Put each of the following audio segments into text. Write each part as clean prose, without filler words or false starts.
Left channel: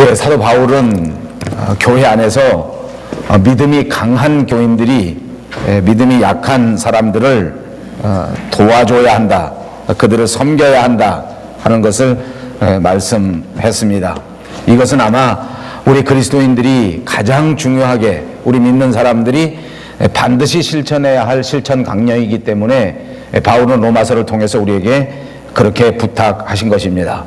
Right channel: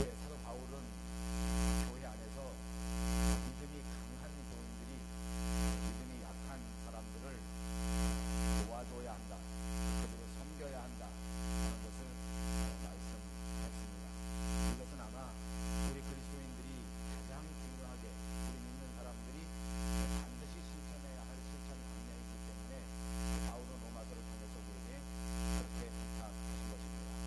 예, 사도 바울은 교회 안에서 믿음이 강한 교인들이 믿음이 약한 사람들을 도와줘야 한다, 그들을 섬겨야 한다 하는 것을 말씀했습니다. 이것은 아마 우리 그리스도인들이 가장 중요하게 우리 믿는 사람들이 반드시 실천해야 할 실천 강령이기 때문에 바울은 로마서를 통해서 우리에게 그렇게 부탁하신 것입니다.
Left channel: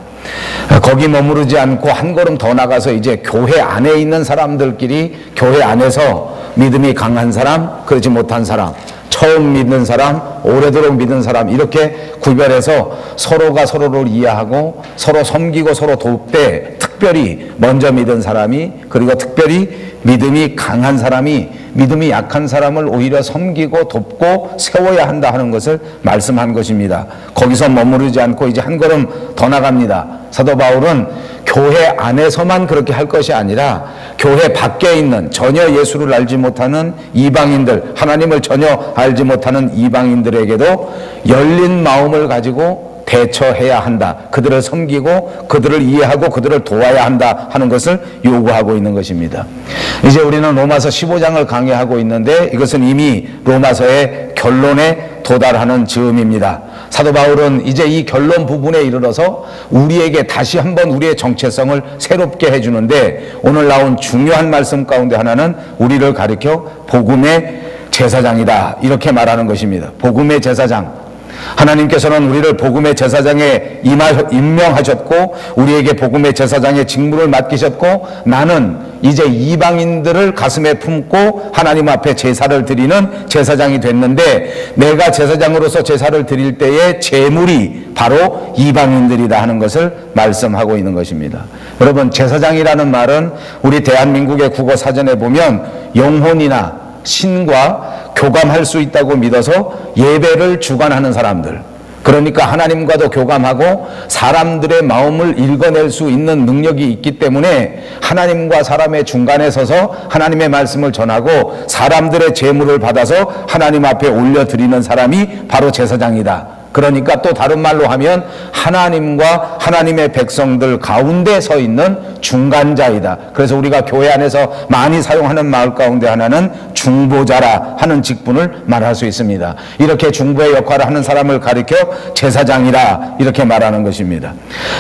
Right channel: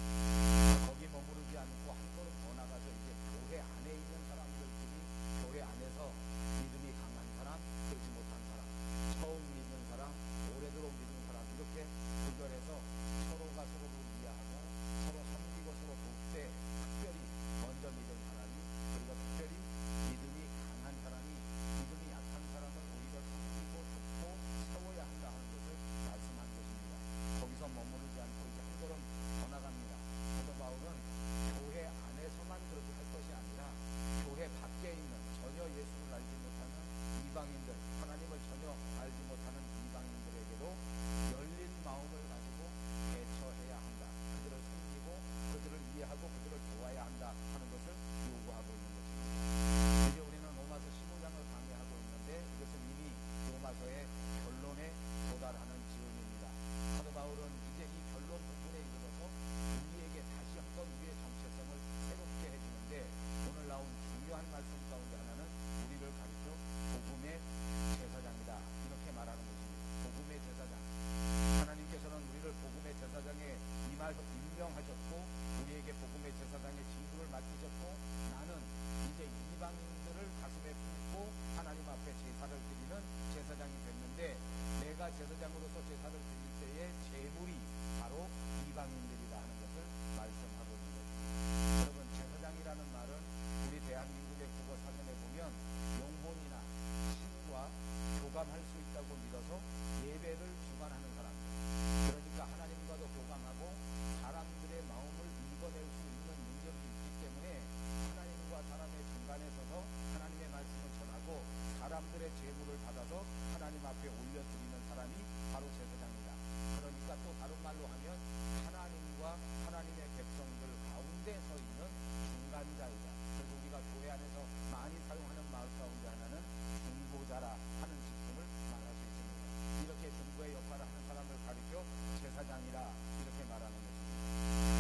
거기 머무르지 않고 한 걸음 더 나가서 이제 교회 안에 있는 사람들끼리 교회 안에서 믿음이 강한 사람, 그렇지 못한 사람, 처음 믿는 사람, 오래도록 믿는 사람, 이렇게 구별해서 서로가 서로를 이해하고 서로 섬기고 서로 돕되, 특별히 먼저 믿은 사람이, 그리고 특별히 믿음이 강한 사람이 믿음이 약한 사람을 오히려 섬기고 돕고 세워야 한다 하는 것을 말씀한 것입니다. 거기서 머무르지 않고 이제 한 걸음 더 나갑니다. 사도 바울은 교회 안에서만 그렇게 할 것이 아니라 교회 밖에 있는 전혀 예수를 알지 못하는 이방인들, 하나님을 전혀 알지 못하는 이방인들에게도 열린 마음을 가지고 대처해야 한다, 그들을 섬기고 그들을 이해하고 그들을 도와야 한다 하는 것을 요구하고 있는 것입니다. 이제 우리는 로마서 15장을 강의하고 있는데 이것은 이미 로마서의 결론에 도달하는 즈음입니다. 사도 바울은 이제 이 결론 부분에 이르러서 우리에게 다시 한번 우리의 정체성을 새롭게 해주는데, 오늘 나온 중요한 말씀 가운데 하나는 우리를 가리켜 복음의 제사장이다 이렇게 말하는 것입니다. 복음의 제사장, 하나님께서는 우리를 복음의 제사장에 임명하셨고 우리에게 복음의 제사장의 직무를 맡기셨고, 나는 이제 이방인들을 가슴에 품고 하나님 앞에 제사를 드리는 제사장이 됐는데, 내가 제사장으로서 제사를 드릴 때의 제물이 바로 이방인들이다 하는 것을 말씀하고 있는 것입니다. 여러분, 제사장이라는 말은 우리 대한민국의 국어 사전에 보면 영혼이나 신과 교감할 수 있다고 믿어서 예배를 주관하는 사람들, 그러니까 하나님과도 교감하고 사람들의 마음을 읽어낼 수 있는 능력이 있기 때문에 하나님과 사람의 중간에 서서 하나님의 말씀을 전하고 사람들의 제물을 받아서 하나님 앞에 올려드리는 사람이 바로 제사장이다. 그러니까 또 다른 말로 하면 하나님과 하나님의 백성들 가운데 서 있는 중간자이다. 그래서 우리가 교회 안에서 많이 사용하는 말 가운데 하나는 중보자라 하는 직분을 말할 수 있습니다. 이렇게 중보의 역할을 하는 사람을 가리켜 제사장이라 이렇게 말하는 것입니다.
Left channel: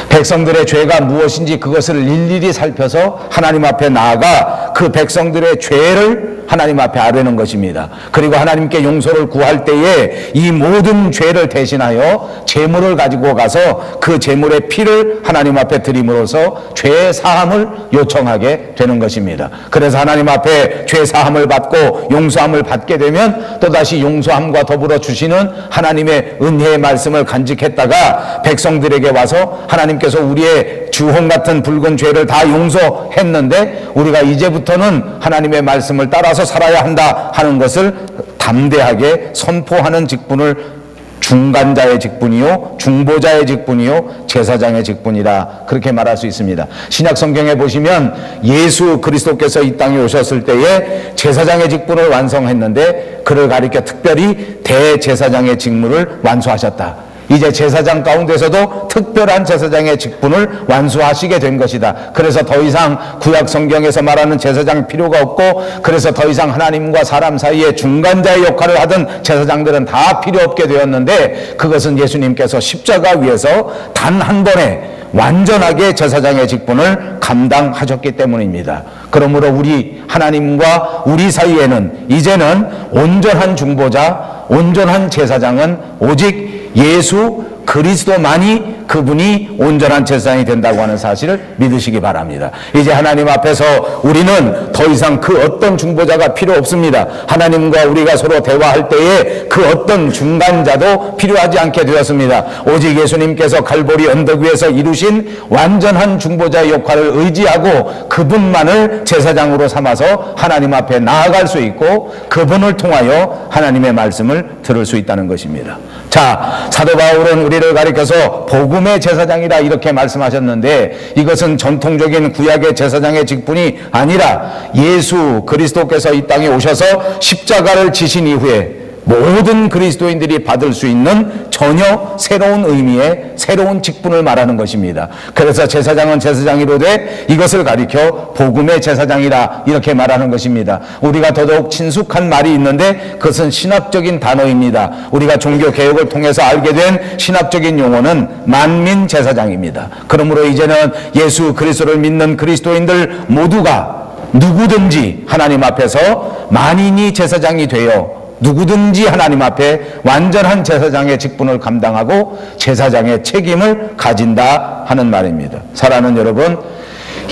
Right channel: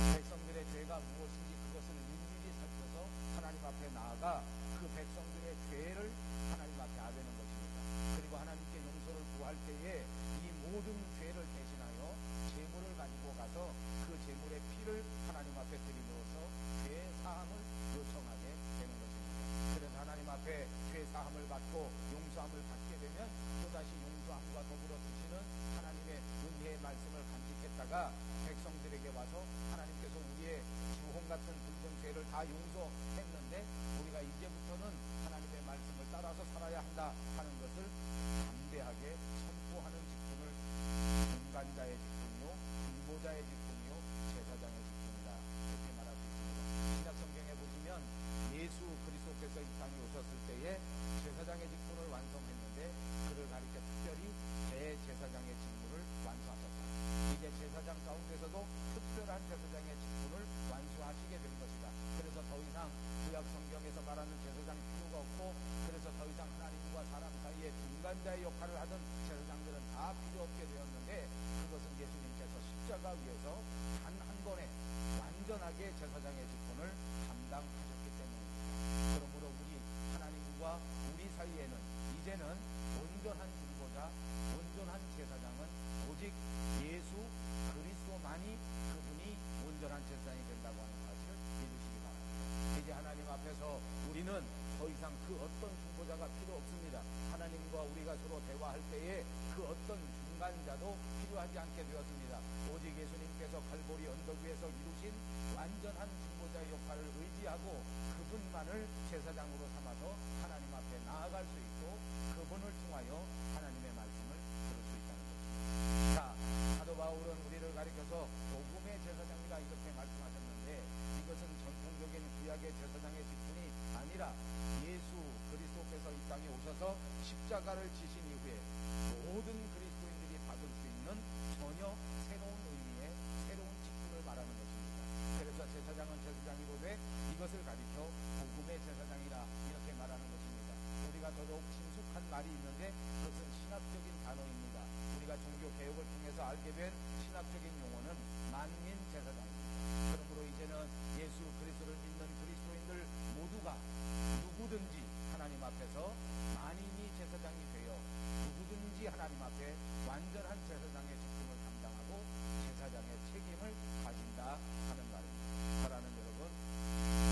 백성들의 죄가 무엇인지 그것을 일일이 살펴서 하나님 앞에 나아가 그 백성들의 죄를 하나님 앞에 아뢰는 것입니다. 그리고 하나님께 용서를 구할 때에 이 모든 죄를 대신하여 제물을 가지고 가서 그 제물의 피를 하나님 앞에 드림으로써 죄 사함을 요청하게 되는 것입니다. 그래서 하나님 앞에 죄 사함을 받고 용서함을 받게 되면 또다시 용서함과 더불어 주시는 하나님의 은혜의 말씀을 간직했다가 백성들에게 와서 하나님께서 우리의 주홍 같은 붉은 죄를 다 용서했는데 우리가 이제부터는 하나님의 말씀을 따라서 살아야 한다 하는 것을 담대하게 선포하는 직분을 중간자의 직분이요, 중보자의 직분이요, 제사장의 직분이라 그렇게 말할 수 있습니다. 신약 성경에 보시면 예수 그리스도께서 이 땅에 오셨을 때에 제사장의 직분을 완성했는데 그를 가리켜 특별히 대제사장의 직무를 완수하셨다. 이제 제사장 가운데서도 특별한 제사장의 직분을 완수하시게 된 것이다. 그래서 더 이상 구약 성경에서 말하는 제사장 필요가 없고, 그래서 더 이상 하나님과 사람 사이에 중간자의 역할을 하던 제사장들은 다 필요 없게 되었는데, 그것은 예수님께서 십자가 위에서 단 한 번에 완전하게 제사장의 직분을 감당하셨기 때문입니다. 그러므로 우리 하나님과 우리 사이에는 이제는 온전한 중보자, 온전한 제사장은 오직 예수 그리스도만이, 그분이 온전한 제사장이 된다고 하는 사실을 믿으시기 바랍니다. 이제 하나님 앞에서 우리는 더 이상 그 어떤 중보자가 필요 없습니다. 하나님과 우리가 서로 대화할 때에 그 어떤 중간자도 필요하지 않게 되었습니다. 오직 예수님께서 갈보리 언덕 위에서 이루신 완전한 중보자의 역할을 의지하고 그분만을 제사장으로 삼아서 하나님 앞에 나아갈 수 있고 그분을 통하여 하나님의 말씀을 들을 수 있다는 것입니다. 자, 사도 바울은 우리를 가리켜서 복음의 제사장이라 이렇게 말씀하셨는데, 이것은 전통적인 구약의 제사장의 직분이 아니라 예수 그리스도께서 이 땅에 오셔서 십자가를 지신 이후에 모든 그리스도인들이 받을 수 있는 전혀 새로운 의미의 새로운 직분을 말하는 것입니다. 그래서 제사장은 제사장이로되 이것을 가리켜 복음의 제사장이라 이렇게 말하는 것입니다. 우리가 더더욱 친숙한 말이 있는데 그것은 신학적인 단어입니다. 우리가 종교 개혁을 통해서 알게 된 신학적인 용어는 만민 제사장입니다. 그러므로 이제는 예수 그리스도를 믿는 그리스도인들 모두가 누구든지 하나님 앞에서 만인이 제사장이 되어 누구든지 하나님 앞에 완전한 제사장의 직분을 감당하고 제사장의 책임을 가진다 하는 말입니다. 사랑하는 여러분,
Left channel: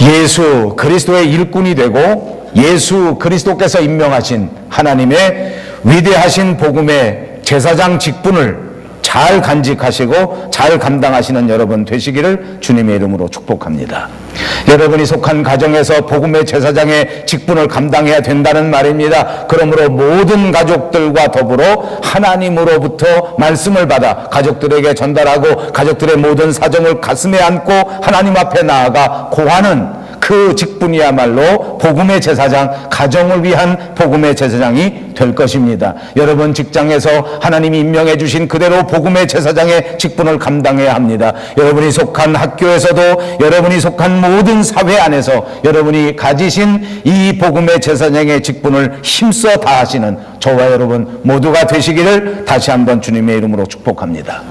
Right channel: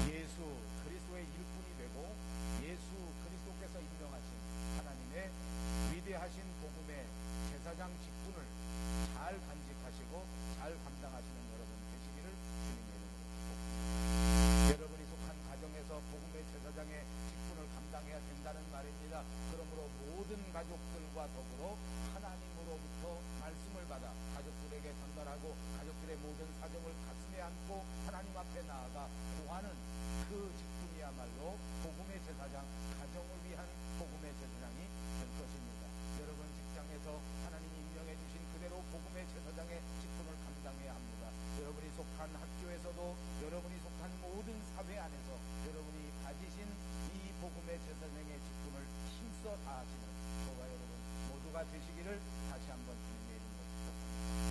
예수 그리스도의 일꾼이 되고 예수 그리스도께서 임명하신 하나님의 위대하신 복음의 제사장 직분을 잘 간직하시고 잘 감당하시는 여러분 되시기를 주님의 이름으로 축복합니다. 여러분이 속한 가정에서 복음의 제사장의 직분을 감당해야 된다는 말입니다. 그러므로 모든 가족들과 더불어 하나님으로부터 말씀을 받아 가족들에게 전달하고 가족들의 모든 사정을 가슴에 안고 하나님 앞에 나아가 고하는 그 직분이야말로 복음의 제사장, 가정을 위한 복음의 제사장이 될 것입니다. 여러분 직장에서 하나님이 임명해 주신 그대로 복음의 제사장의 직분을 감당해야 합니다. 여러분이 속한 학교에서도 여러분이 속한 모든 사회 안에서 여러분이 가지신 이 복음의 제사장의 직분을 힘써 다하시는 저와 여러분 모두가 되시기를 다시 한번 주님의 이름으로 축복합니다.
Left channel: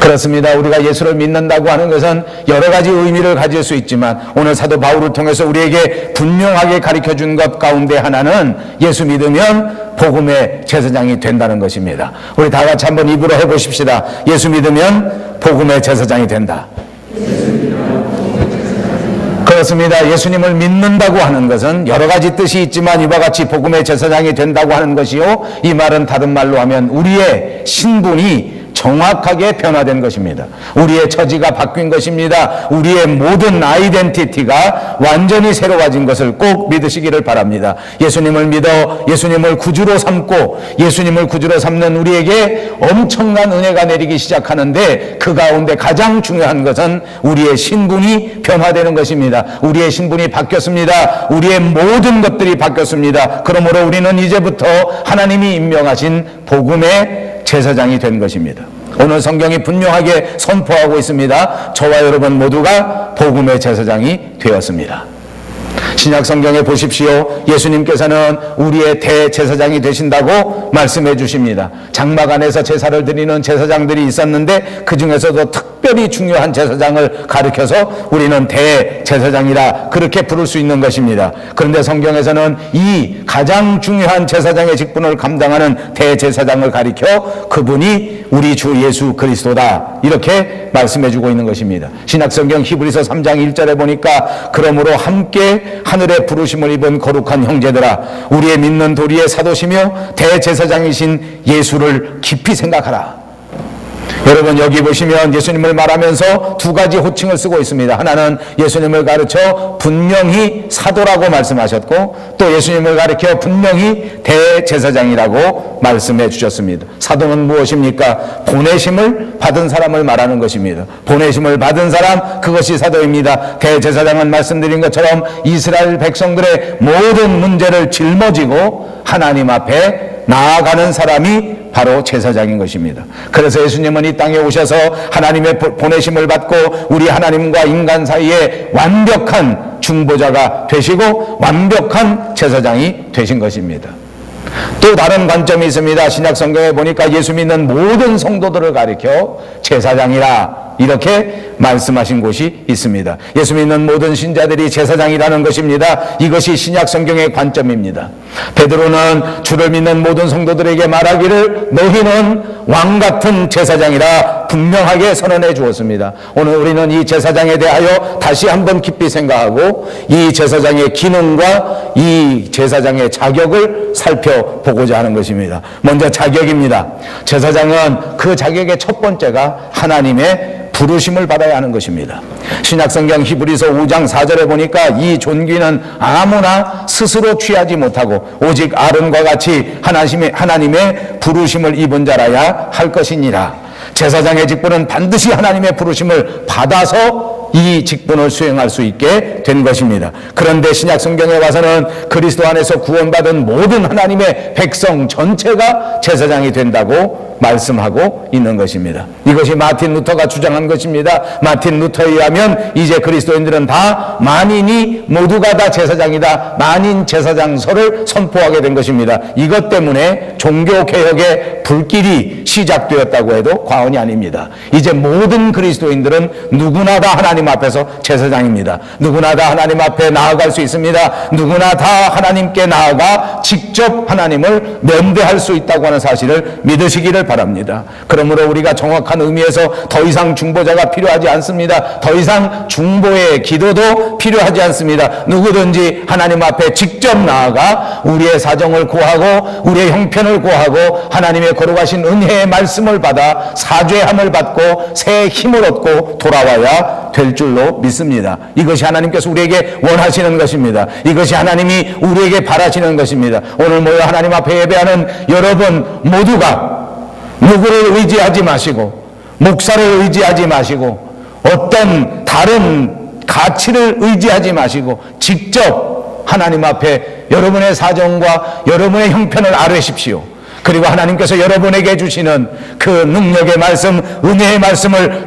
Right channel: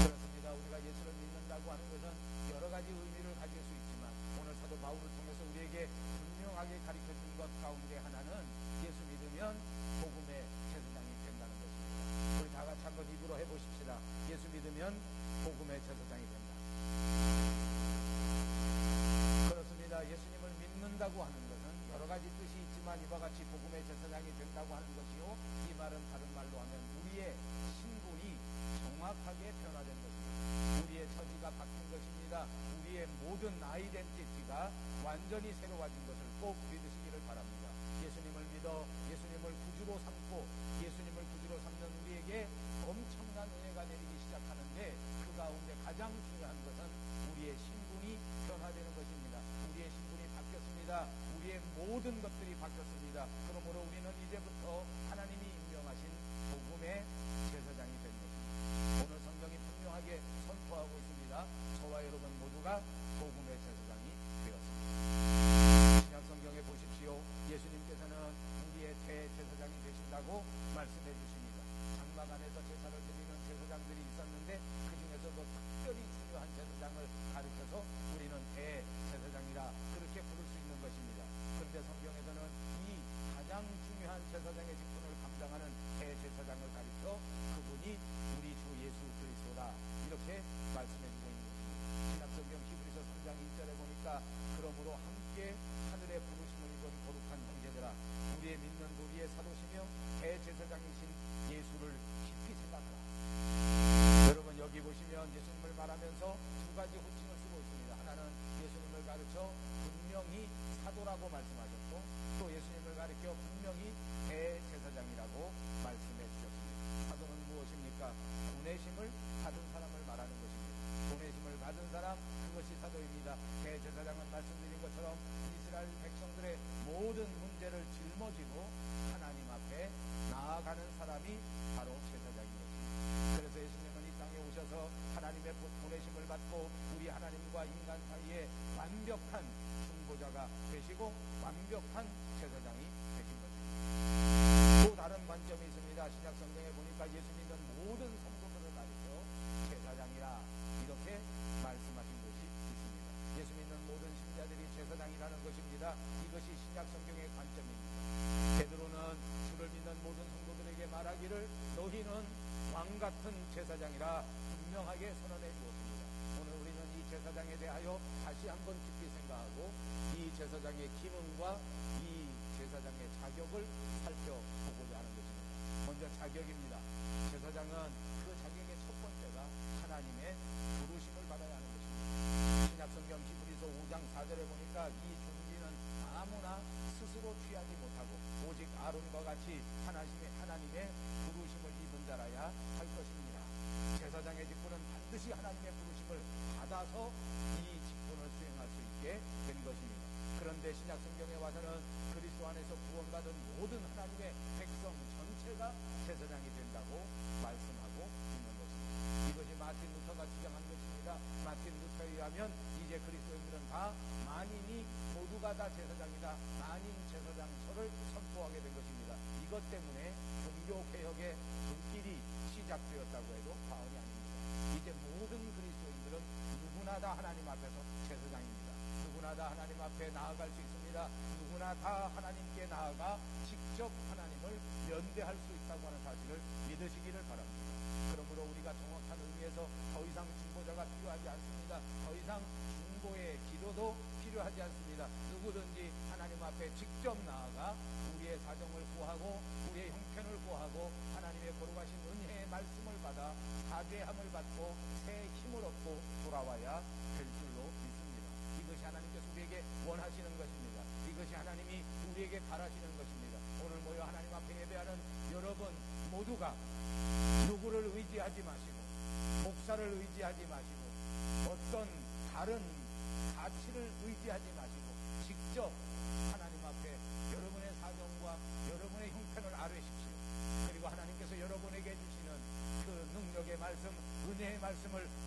그렇습니다. 우리가 예수를 믿는다고 하는 것은 여러 가지 의미를 가질 수 있지만 오늘 사도 바울을 통해서 우리에게 분명하게 가르쳐준 것 가운데 하나는 예수 믿으면 복음의 제사장이 된다는 것입니다. 우리 다 같이 한번 입으로 해보십시다. 예수 믿으면 복음의 제사장이 된다. 그렇습니다. 예수님을 믿는다고 하는 것은 여러 가지 뜻이 있지만 이와 같이 복음의 제사장이 된다고 하는 것이요, 이 말은 다른 말로 하면 우리의 신분이 정확하게 변화된 것입니다. 우리의 처지가 바뀐 것입니다. 우리의 모든 아이덴티티가 완전히 새로워진 것을 꼭 믿으시기를 바랍니다. 예수님을 믿어 예수님을 구주로 삼고 예수님을 구주로 삼는 우리에게 엄청난 은혜가 내리기 시작하는데 그 가운데 가장 중요한 것은 우리의 신분이 변화되는 것입니다. 우리의 신분이 바뀌었습니다. 우리의 모든 것들이 바뀌었습니다. 그러므로 우리는 이제부터 하나님이 임명하신 복음의 제사장이 된 것입니다. 오늘 성경이 분명하게 선포하고 있습니다. 저와 여러분 모두가 복음의 제사장이 되었습니다. 신약 성경에 보십시오. 예수님께서는 우리의 대제사장이 되신다고 말씀해 주십니다. 장막 안에서 제사를 드리는 제사장들이 있었는데 그 중에서도 특별히 중요한 제사장을 가리켜서 우리는 대제사장이라 그렇게 부를 수 있는 것입니다. 그런데 성경에서는 이 가장 중요한 제사장의 직분을 감당하는 대제사장을 가리켜 그분이 우리 주 예수 그리스도다 이렇게 말씀해 주고 있는 것입니다. 신약 성경 히브리서 3장 1절에 보니까 그러므로 함께 하늘의 부르심을 입은 거룩한 형제들아 우리의 믿는 도리의 사도시며 대제사장이신 예수를 깊이 생각하라. 여러분 여기 보시면 예수님을 말하면서 두 가지 호칭을 쓰고 있습니다. 하나는 예수님을 가르쳐 분명히 사도라고 말씀하셨고 또 예수님을 가르쳐 분명히 대제사장이라고 말씀해 주셨습니다. 사도는 무엇입니까? 보내심을 받은 사람을 말하는 것입니다. 보내심을 받은 사람, 그것이 사도입니다. 대제사장은 말씀드린 것처럼 이스라엘 백성들의 모든 문제를 짊어지고 하나님 앞에 나아가는 사람이 바로 제사장인 것입니다. 그래서 예수님은 이 땅에 오셔서 하나님의 보내심을 받고 우리 하나님과 인간 사이에 완벽한 중보자가 되시고 완벽한 제사장이 되신 것입니다. 또 다른 관점이 있습니다. 신약 성경에 보니까 예수 믿는 모든 성도들을 가리켜 제사장이라 이렇게 말씀하신 곳이 있습니다. 예수 믿는 모든 신자들이 제사장이라는 것입니다. 이것이 신약 성경의 관점입니다. 베드로는 주를 믿는 모든 성도들에게 말하기를 너희는 왕같은 제사장이라 분명하게 선언해 주었습니다. 오늘 우리는 이 제사장에 대하여 다시 한번 깊이 생각하고 이 제사장의 기능과 이 제사장의 자격을 살펴보고자 하는 것입니다. 먼저 자격입니다. 제사장은 그 자격의 첫 번째가 하나님의 부르심을 받아야 하는 것입니다. 신약성경 히브리서 5장 4절에 보니까 이 존귀는 아무나 스스로 취하지 못하고 오직 아론과 같이 하나님의 부르심을 입은 자라야 할 것이니라. 제사장의 직분은 반드시 하나님의 부르심을 받아서 이 직분을 수행할 수 있게 된 것입니다. 그런데 신약 성경에 와서는 그리스도 안에서 구원받은 모든 하나님의 백성 전체가 제사장이 된다고 말씀하고 있는 것입니다. 이것이 마틴 루터가 주장한 것입니다. 마틴 루터에 의하면 이제 그리스도인들은 다 만인이 모두가 다 제사장이다, 만인 제사장서를 선포하게 된 것입니다. 이것 때문에 종교개혁의 불길이 시작되었다고 해도 과언이 아닙니다. 이제 모든 그리스도인들은 누구나 다 하나님 앞에서 제사장입니다. 누구나 다 하나님 앞에 나아갈 수 있습니다. 누구나 다 하나님께 나아가 직접 하나님을 면대할 수 있다고 하는 사실을 믿으시기를 바랍니다. 그러므로 우리가 정확한 의미에서 더 이상 중보자가 필요하지 않습니다. 더 이상 중보의 기도도 필요하지 않습니다. 누구든지 하나님 앞에 직접 나아가 우리의 사정을 고하고 우리의 형편을 고하고 하나님의 거룩하신 은혜의 말씀을 받아 사죄함을 받고 새 힘을 얻고 돌아와야 될 줄로 믿습니다. 이것이 하나님께서 우리에게 원하시는 것입니다. 이것이 하나님이 우리에게 바라시는 것입니다. 오늘 모여 하나님 앞에 예배하는 여러분 모두가 누구를 의지하지 마시고 목사를 의지하지 마시고 어떤 다른 가치를 의지하지 마시고 직접 하나님 앞에 여러분의 사정과 여러분의 형편을 아뢰십시오. 그리고 하나님께서 여러분에게 주시는 그 능력의 말씀, 은혜의 말씀을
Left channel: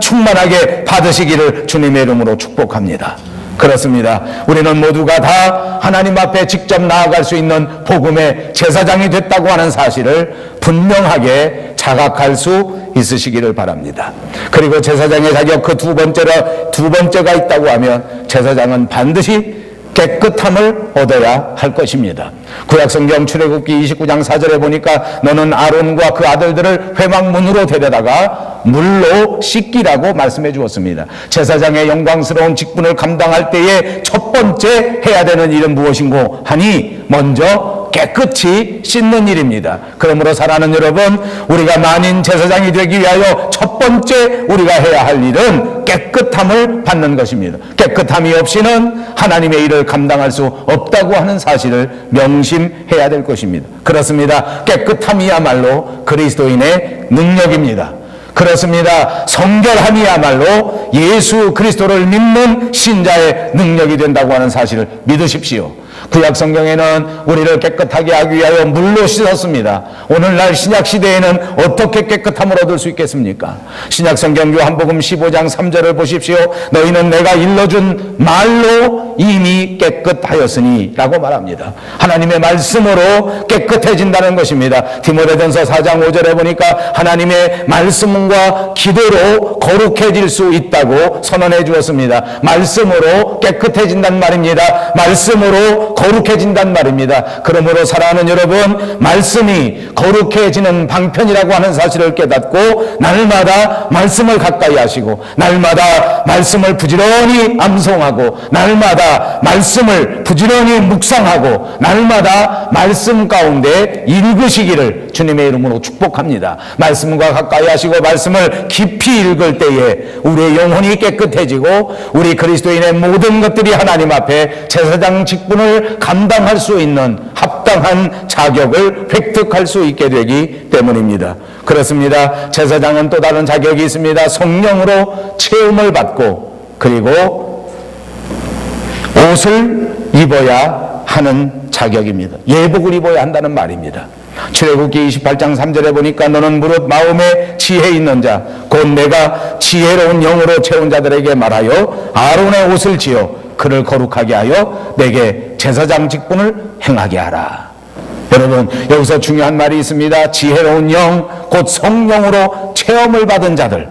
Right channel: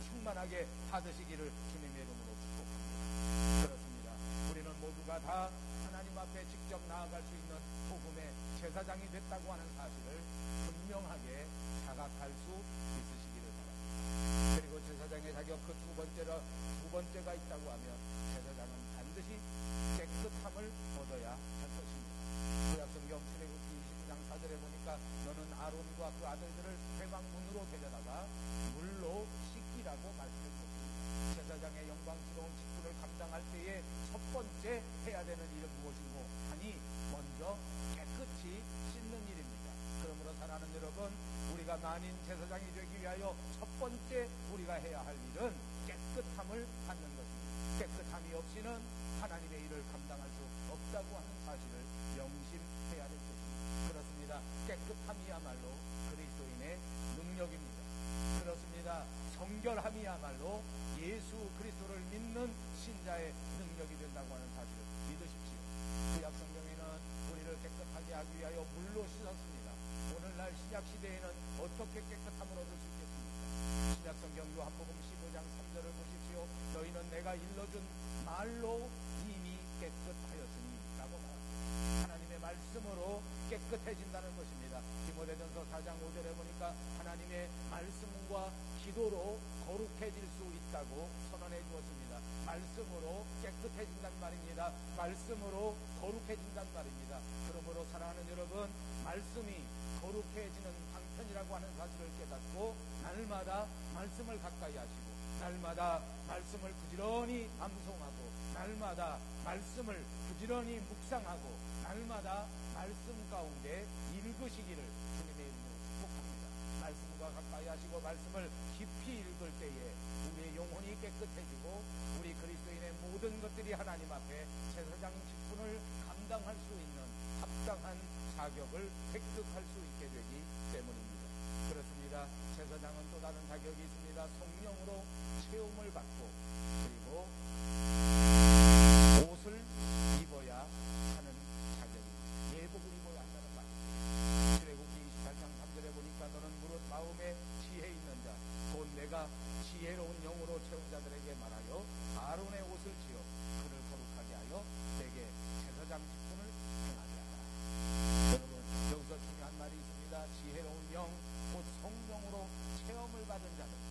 충만하게 받으시기를 주님의 이름으로 축복합니다. 그렇습니다. 우리는 모두가 다 하나님 앞에 직접 나아갈 수 있는 복음의 제사장이 됐다고 하는 사실을 분명하게 자각할 수 있으시기를 바랍니다. 그리고 제사장의 자격 그 두 번째가 있다고 하면 제사장은 반드시 깨끗함을 얻어야 할 것입니다. 구약성경 출애굽기 29장 4절에 보니까 너는 아론과 그 아들들을 회막문으로 데려다가 물로 씻기라고 말씀해 주었습니다. 제사장의 영광스러운 직분을 감당할 때에 첫 번째 해야 되는 일은 무엇인고 하니 먼저 깨끗이 씻는 일입니다. 그러므로 사랑하는 여러분, 우리가 만인 제사장이 되기 위하여 첫 번째 우리가 해야 할 일은 깨끗함을 받는 것입니다. 깨끗함이 없이는 하나님의 일을 감당할 수 없다고 하는 사실을 명심해야 될 것입니다. 그렇습니다. 깨끗함이야말로 그리스도인의 능력입니다. 그렇습니다. 성결함이야말로 예수 그리스도를 믿는 신자의 능력이 된다고 하는 사실을 믿으십시오. 구약 성경에는 우리를 깨끗하게 하기 위하여 물로 씻었습니다. 오늘날 신약 시대에는 어떻게 깨끗함을 얻을 수 있겠습니까? 신약 성경 요한복음 15장 3절을 보십시오. 너희는 내가 일러준 말로 이미 깨끗하였으니 라고 말합니다. 하나님의 말씀으로 깨끗해진다는 것입니다. 디모데전서 4장 5절에 보니까 하나님의 말씀과 기도로 거룩해질 수 있다고 선언해 주었습니다. 말씀으로 깨끗해진단 말입니다. 말씀으로 거룩해진단 말입니다. 그러므로 사랑하는 여러분, 말씀이 거룩해지는 방편이라고 하는 사실을 깨닫고 날마다 말씀을 가까이 하시고 날마다 말씀을 부지런히 암송하고 날마다 말씀을 부지런히 묵상하고 날마다 말씀 가운데 읽으시기를 주님의 이름으로 축복합니다. 말씀과 가까이 하시고 말씀을 깊이 읽을 때에 우리의 영혼이 깨끗해지고 우리 그리스도인의 모든 것들이 하나님 앞에 제사장 직분을 감당할 수 있는 합당한 자격을 획득할 수 있게 되기 때문입니다. 그렇습니다. 제사장은 또 다른 자격이 있습니다. 성령으로 체험을 받고 그리고 옷을 입어야 하는 자격입니다. 예복을 입어야 한다는 말입니다. 출애굽기 28장 3절에 보니까 너는 무릇 마음에 지혜 있는 자 곧 내가 지혜로운 영으로 채운 자들에게 말하여 아론의 옷을 지어 그를 거룩하게 하여 내게 제사장 직분을 행하게 하라. 여러분, 여기서 중요한 말이 있습니다. 지혜로운 영, 곧 성령으로 체험을 받은 자들,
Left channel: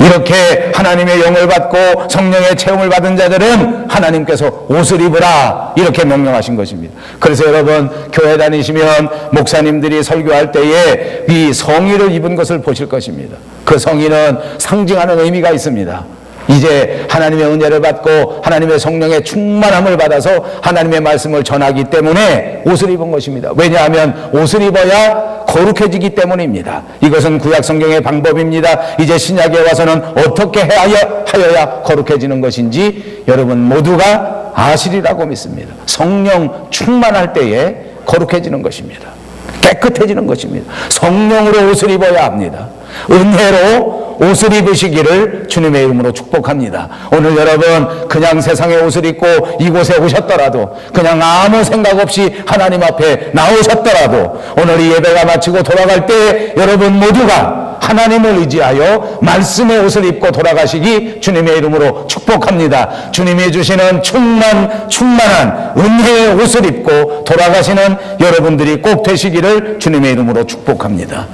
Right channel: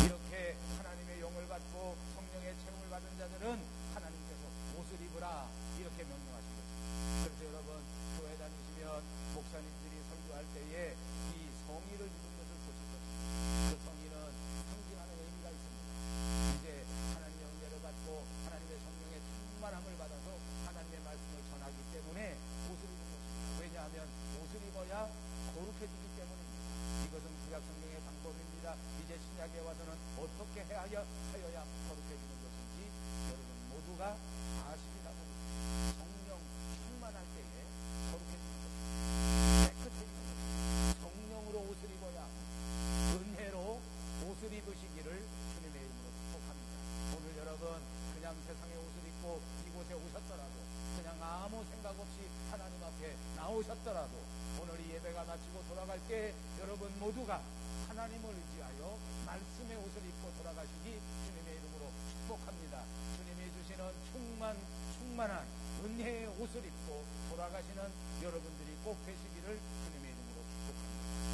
이렇게 하나님의 영을 받고 성령의 체험을 받은 자들은 하나님께서 옷을 입으라 이렇게 명령하신 것입니다. 그래서 여러분, 교회 다니시면 목사님들이 설교할 때에 이 성의를 입은 것을 보실 것입니다. 그 성의는 상징하는 의미가 있습니다. 이제 하나님의 은혜를 받고 하나님의 성령의 충만함을 받아서 하나님의 말씀을 전하기 때문에 옷을 입은 것입니다. 왜냐하면 옷을 입어야 거룩해지기 때문입니다. 이것은 구약 성경의 방법입니다. 이제 신약에 와서는 어떻게 하여야 거룩해지는 것인지 여러분 모두가 아시리라고 믿습니다. 성령 충만할 때에 거룩해지는 것입니다. 깨끗해지는 것입니다. 성령으로 옷을 입어야 합니다. 은혜로 옷을 입으시기를 주님의 이름으로 축복합니다. 오늘 여러분 그냥 세상의 옷을 입고 이곳에 오셨더라도, 그냥 아무 생각 없이 하나님 앞에 나오셨더라도, 오늘 이 예배가 마치고 돌아갈 때 여러분 모두가 하나님을 의지하여 말씀의 옷을 입고 돌아가시기 주님의 이름으로 축복합니다. 주님이 주시는 충만한 은혜의 옷을 입고 돌아가시는 여러분들이 꼭 되시기를 주님의 이름으로 축복합니다.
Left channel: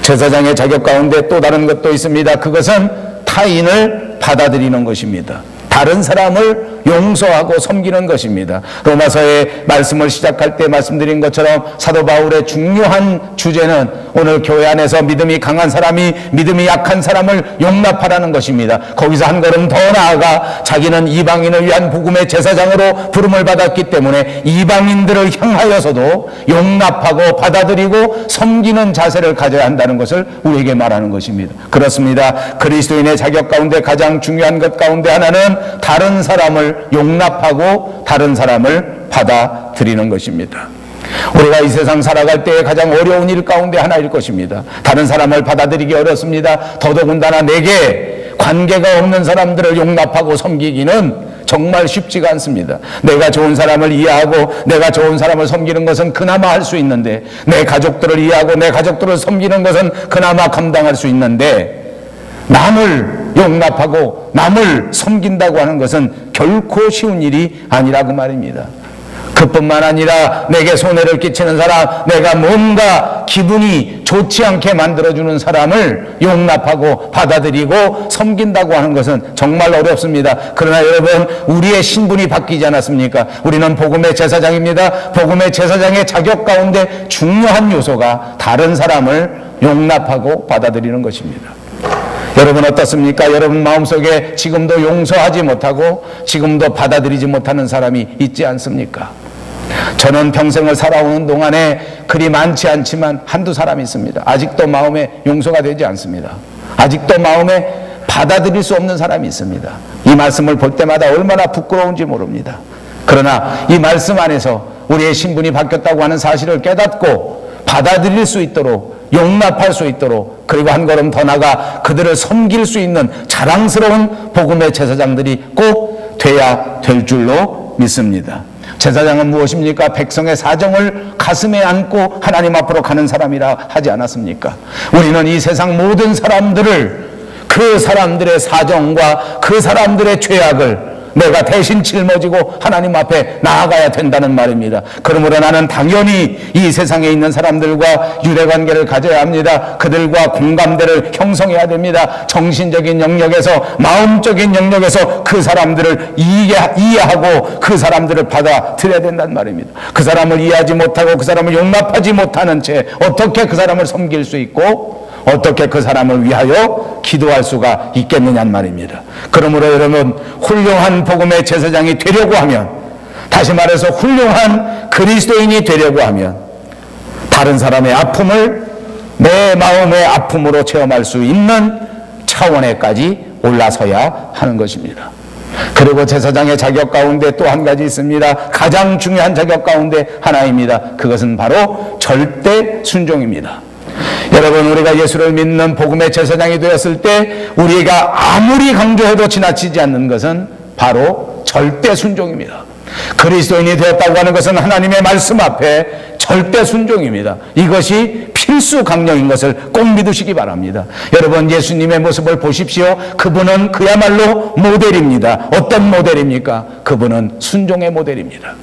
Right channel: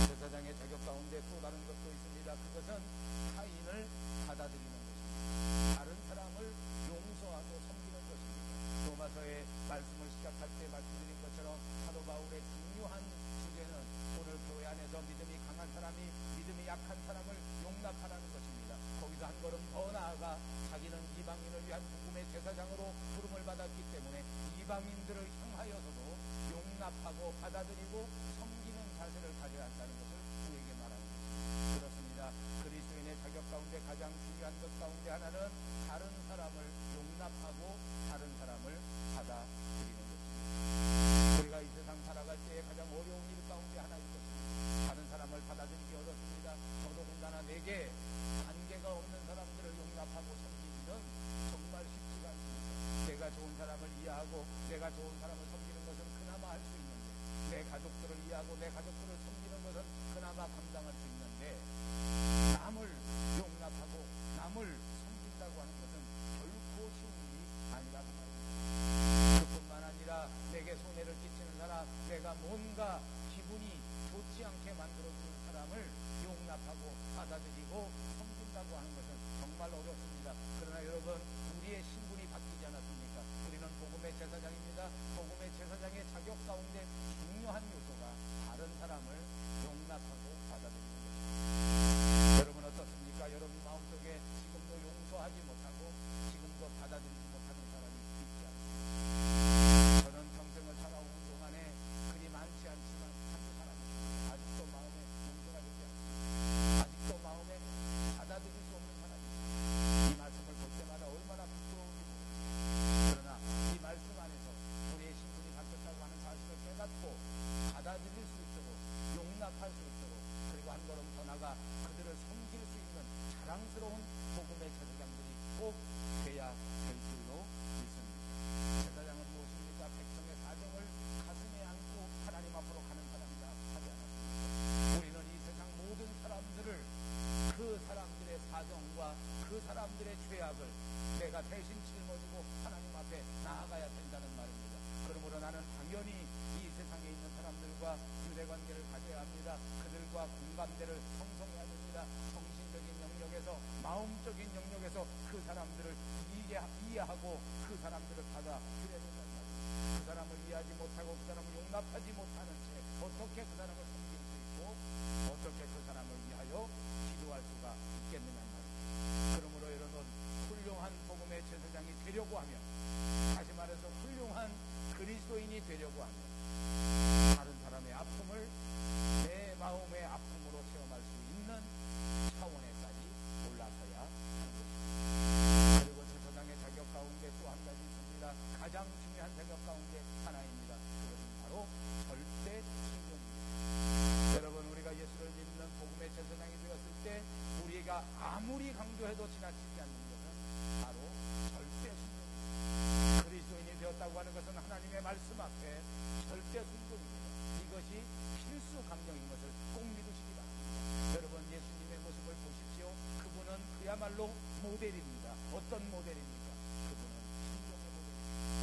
제사장의 자격 가운데 또 다른 것도 있습니다. 그것은 타인을 받아들이는 것입니다. 다른 사람을 용서하고 섬기는 것입니다. 로마서의 말씀을 시작할 때 말씀드린 것처럼 사도 바울의 중요한 주제는 오늘 교회 안에서 믿음이 강한 사람이 믿음이 약한 사람을 용납하라는 것입니다. 거기서 한 걸음 더 나아가 자기는 이방인을 위한 복음의 제사장으로 부름을 받았기 때문에 이방인들을 향하여서도 용납하고 받아들이고 섬기는 자세를 가져야 한다는 것을 우리에게 말하는 것입니다. 그렇습니다. 그리스도인의 자격 가운데 가장 중요한 것 가운데 하나는 다른 사람을 용납하고 다른 사람을 받아들이는 것입니다. 우리가 이 세상 살아갈 때 가장 어려운 일 가운데 하나일 것입니다. 다른 사람을 받아들이기 어렵습니다. 더더군다나 내게 관계가 없는 사람들을 용납하고 섬기기는 정말 쉽지가 않습니다. 내가 좋은 사람을 이해하고 내가 좋은 사람을 섬기는 것은 그나마 할 수 있는데, 내 가족들을 이해하고 내 가족들을 섬기는 것은 그나마 감당할 수 있는데, 남을 용납하고 남을 섬긴다고 하는 것은 결코 쉬운 일이 아니라고 말입니다. 그뿐만 아니라 내게 손해를 끼치는 사람, 내가 뭔가 기분이 좋지 않게 만들어주는 사람을 용납하고 받아들이고 섬긴다고 하는 것은 정말 어렵습니다. 그러나 여러분, 우리의 신분이 바뀌지 않았습니까? 우리는 복음의 제사장입니다. 복음의 제사장의 자격 가운데 중요한 요소가 다른 사람을 용납하고 받아들이는 것입니다. 여러분 어떻습니까? 여러분 마음속에 지금도 용서하지 못하고 지금도 받아들이지 못하는 사람이 있지 않습니까? 저는 평생을 살아오는 동안에 그리 많지 않지만 한두 사람이 있습니다. 아직도 마음에 용서가 되지 않습니다. 아직도 마음에 받아들일 수 없는 사람이 있습니다. 이 말씀을 볼 때마다 얼마나 부끄러운지 모릅니다. 그러나 이 말씀 안에서 우리의 신분이 바뀌었다고 하는 사실을 깨닫고 받아들일 수 있도록, 용납할 수 있도록, 그리고 한 걸음 더 나가 그들을 섬길 수 있는 자랑스러운 복음의 제사장들이 꼭 돼야 될 줄로 믿습니다. 제사장은 무엇입니까? 백성의 사정을 가슴에 안고 하나님 앞으로 가는 사람이라 하지 않았습니까? 우리는 이 세상 모든 사람들을, 그 사람들의 사정과 그 사람들의 죄악을 내가 대신 짊어지고 하나님 앞에 나아가야 된다는 말입니다. 그러므로 나는 당연히 이 세상에 있는 사람들과 유대관계를 가져야 합니다. 그들과 공감대를 형성해야 됩니다. 정신적인 영역에서, 마음적인 영역에서 그 사람들을 이해하고 그 사람들을 받아들여야 된다는 말입니다. 그 사람을 이해하지 못하고 그 사람을 용납하지 못하는 채 어떻게 그 사람을 섬길 수 있고 어떻게 그 사람을 위하여 기도할 수가 있겠느냐는 말입니다. 그러므로 여러분, 훌륭한 복음의 제사장이 되려고 하면, 다시 말해서 훌륭한 그리스도인이 되려고 하면 다른 사람의 아픔을 내 마음의 아픔으로 체험할 수 있는 차원에까지 올라서야 하는 것입니다. 그리고 제사장의 자격 가운데 또 한 가지 있습니다. 가장 중요한 자격 가운데 하나입니다. 그것은 바로 절대 순종입니다. 여러분, 우리가 예수를 믿는 복음의 제사장이 되었을 때 우리가 아무리 강조해도 지나치지 않는 것은 바로 절대 순종입니다. 그리스도인이 되었다고 하는 것은 하나님의 말씀 앞에 절대 순종입니다. 이것이 필수 강령인 것을 꼭 믿으시기 바랍니다. 여러분, 예수님의 모습을 보십시오. 그분은 그야말로 모델입니다. 어떤 모델입니까? 그분은 순종의 모델입니다.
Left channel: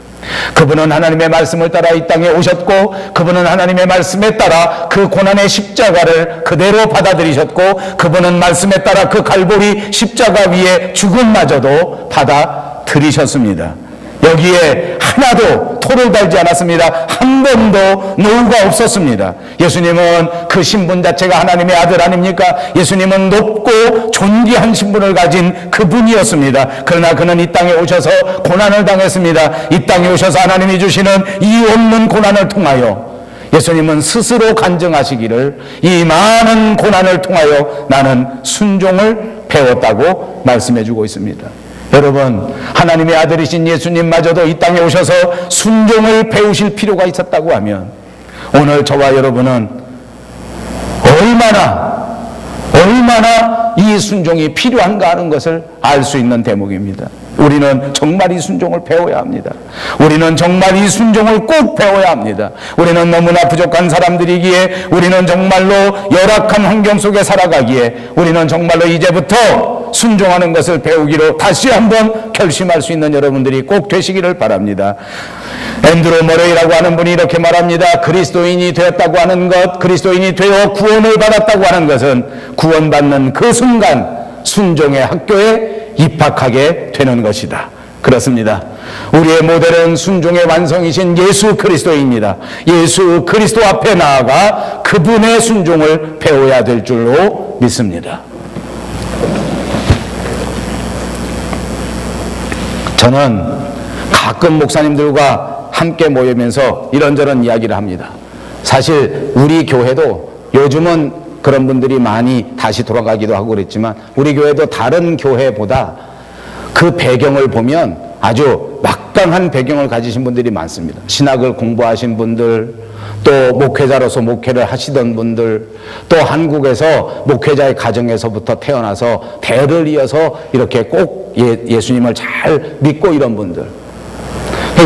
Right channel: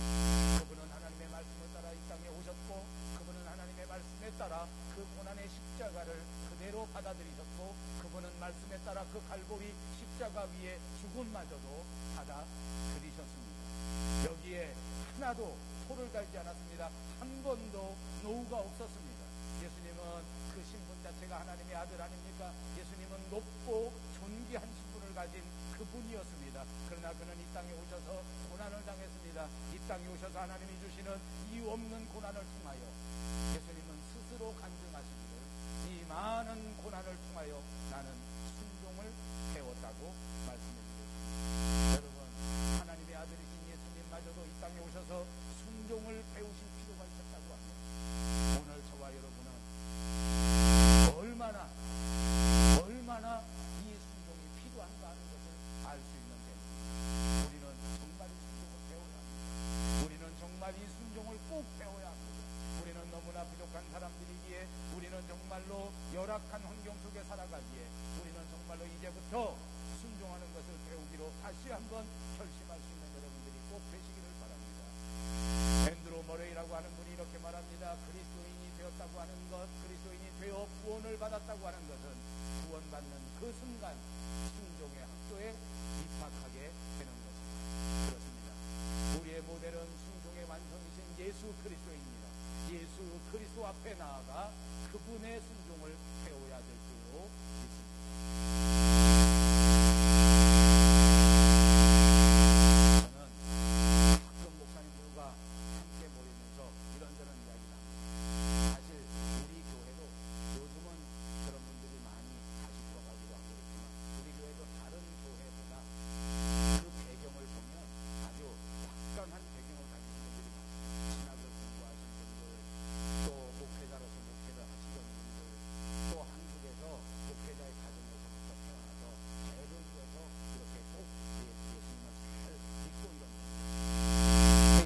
그분은 하나님의 말씀을 따라 이 땅에 오셨고, 그분은 하나님의 말씀에 따라 그 고난의 십자가를 그대로 받아들이셨고, 그분은 말씀에 따라 그 갈보리 십자가 위에 죽음마저도 받아들이셨습니다. 여기에 하나도 토를 달지 않았습니다. 한 번도 노후가 없었습니다. 예수님은 그 신분 자체가 하나님의 아들 아닙니까? 예수님은 높고 존귀한 신분을 가진 그분이었습니다. 그러나 그는 이 땅에 오셔서 고난을 당했습니다. 이 땅에 오셔서 하나님이 주시는 이유 없는 고난을 통하여 예수님은 스스로 간증하시기를, 이 많은 고난을 통하여 나는 순종을 배웠다고 말씀해 주고 있습니다. 여러분, 하나님의 아들이신 예수님마저도 이 땅에 오셔서 순종을 배우실 필요가 있었다고 하면 오늘 저와 여러분은 얼마나 이 순종이 필요한가 하는 것을 알 수 있는 대목입니다. 우리는 정말 이 순종을 배워야 합니다. 우리는 정말 이 순종을 꼭 배워야 합니다. 우리는 너무나 부족한 사람들이기에, 우리는 정말로 열악한 환경 속에 살아가기에, 우리는 정말로 이제부터 순종하는 것을 배우기로 다시 한번 결심할 수 있는 여러분들이 꼭 되시기를 바랍니다. 앤드루 머레이라고 하는 분이 이렇게 말합니다. 그리스도인이 되었다고 하는 것, 그리스도인이 되어 구원을 받았다고 하는 것은 구원받는 그 순간 순종의 학교에 입학하게 되는 것이다. 그렇습니다. 우리의 모델은 순종의 완성이신 예수 그리스도입니다. 예수 그리스도 앞에 나아가 그분의 순종을 배워야 될 줄로 믿습니다. 저는 가끔 목사님들과 함께 모이면서 이런저런 이야기를 합니다. 사실 우리 교회도 요즘은 그런 분들이 많이 다시 돌아가기도 하고 그랬지만, 우리 교회도 다른 교회보다 그 배경을 보면 아주 막강한 배경을 가지신 분들이 많습니다. 신학을 공부하신 분들, 또 목회자로서 목회를 하시던 분들, 또 한국에서 목회자의 가정에서부터 태어나서 대를 이어서 이렇게 꼭 예수님을 잘 믿고 이런 분들,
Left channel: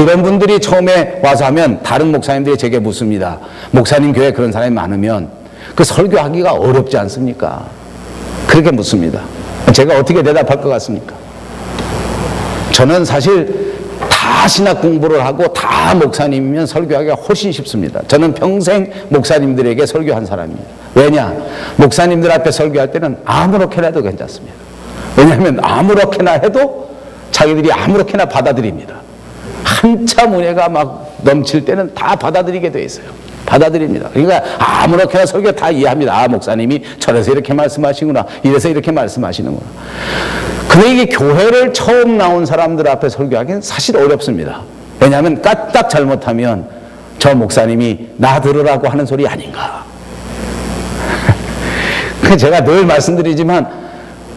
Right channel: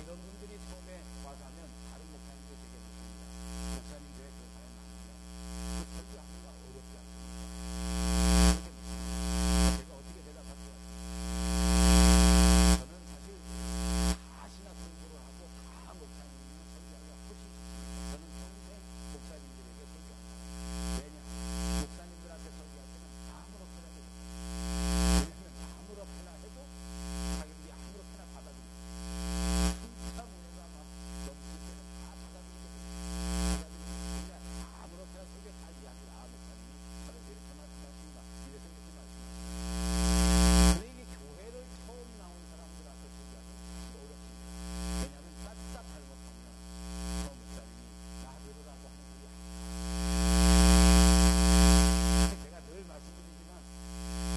이런 분들이 처음에 와서 하면 다른 목사님들이 제게 묻습니다. 목사님 교회에 그런 사람이 많으면 그 설교하기가 어렵지 않습니까? 그렇게 묻습니다. 제가 어떻게 대답할 것 같습니까? 저는 사실 다 신학 공부를 하고 다 목사님이면 설교하기가 훨씬 쉽습니다. 저는 평생 목사님들에게 설교한 사람입니다. 왜냐? 목사님들 앞에 설교할 때는 아무렇게나 해도 괜찮습니다. 왜냐하면 아무렇게나 해도 자기들이 아무렇게나 받아들입니다. 한참 은혜가 막 넘칠 때는 다 받아들이게 돼 있어요. 받아들입니다. 그러니까 아무렇게나 설교 다 이해합니다. 아, 목사님이 저래서 이렇게 말씀하시구나, 이래서 이렇게 말씀하시는구나. 근데 이게 교회를 처음 나온 사람들 앞에 설교하기는 사실 어렵습니다. 왜냐하면 까딱 잘못하면 저 목사님이 나 들으라고 하는 소리 아닌가. 제가 늘 말씀드리지만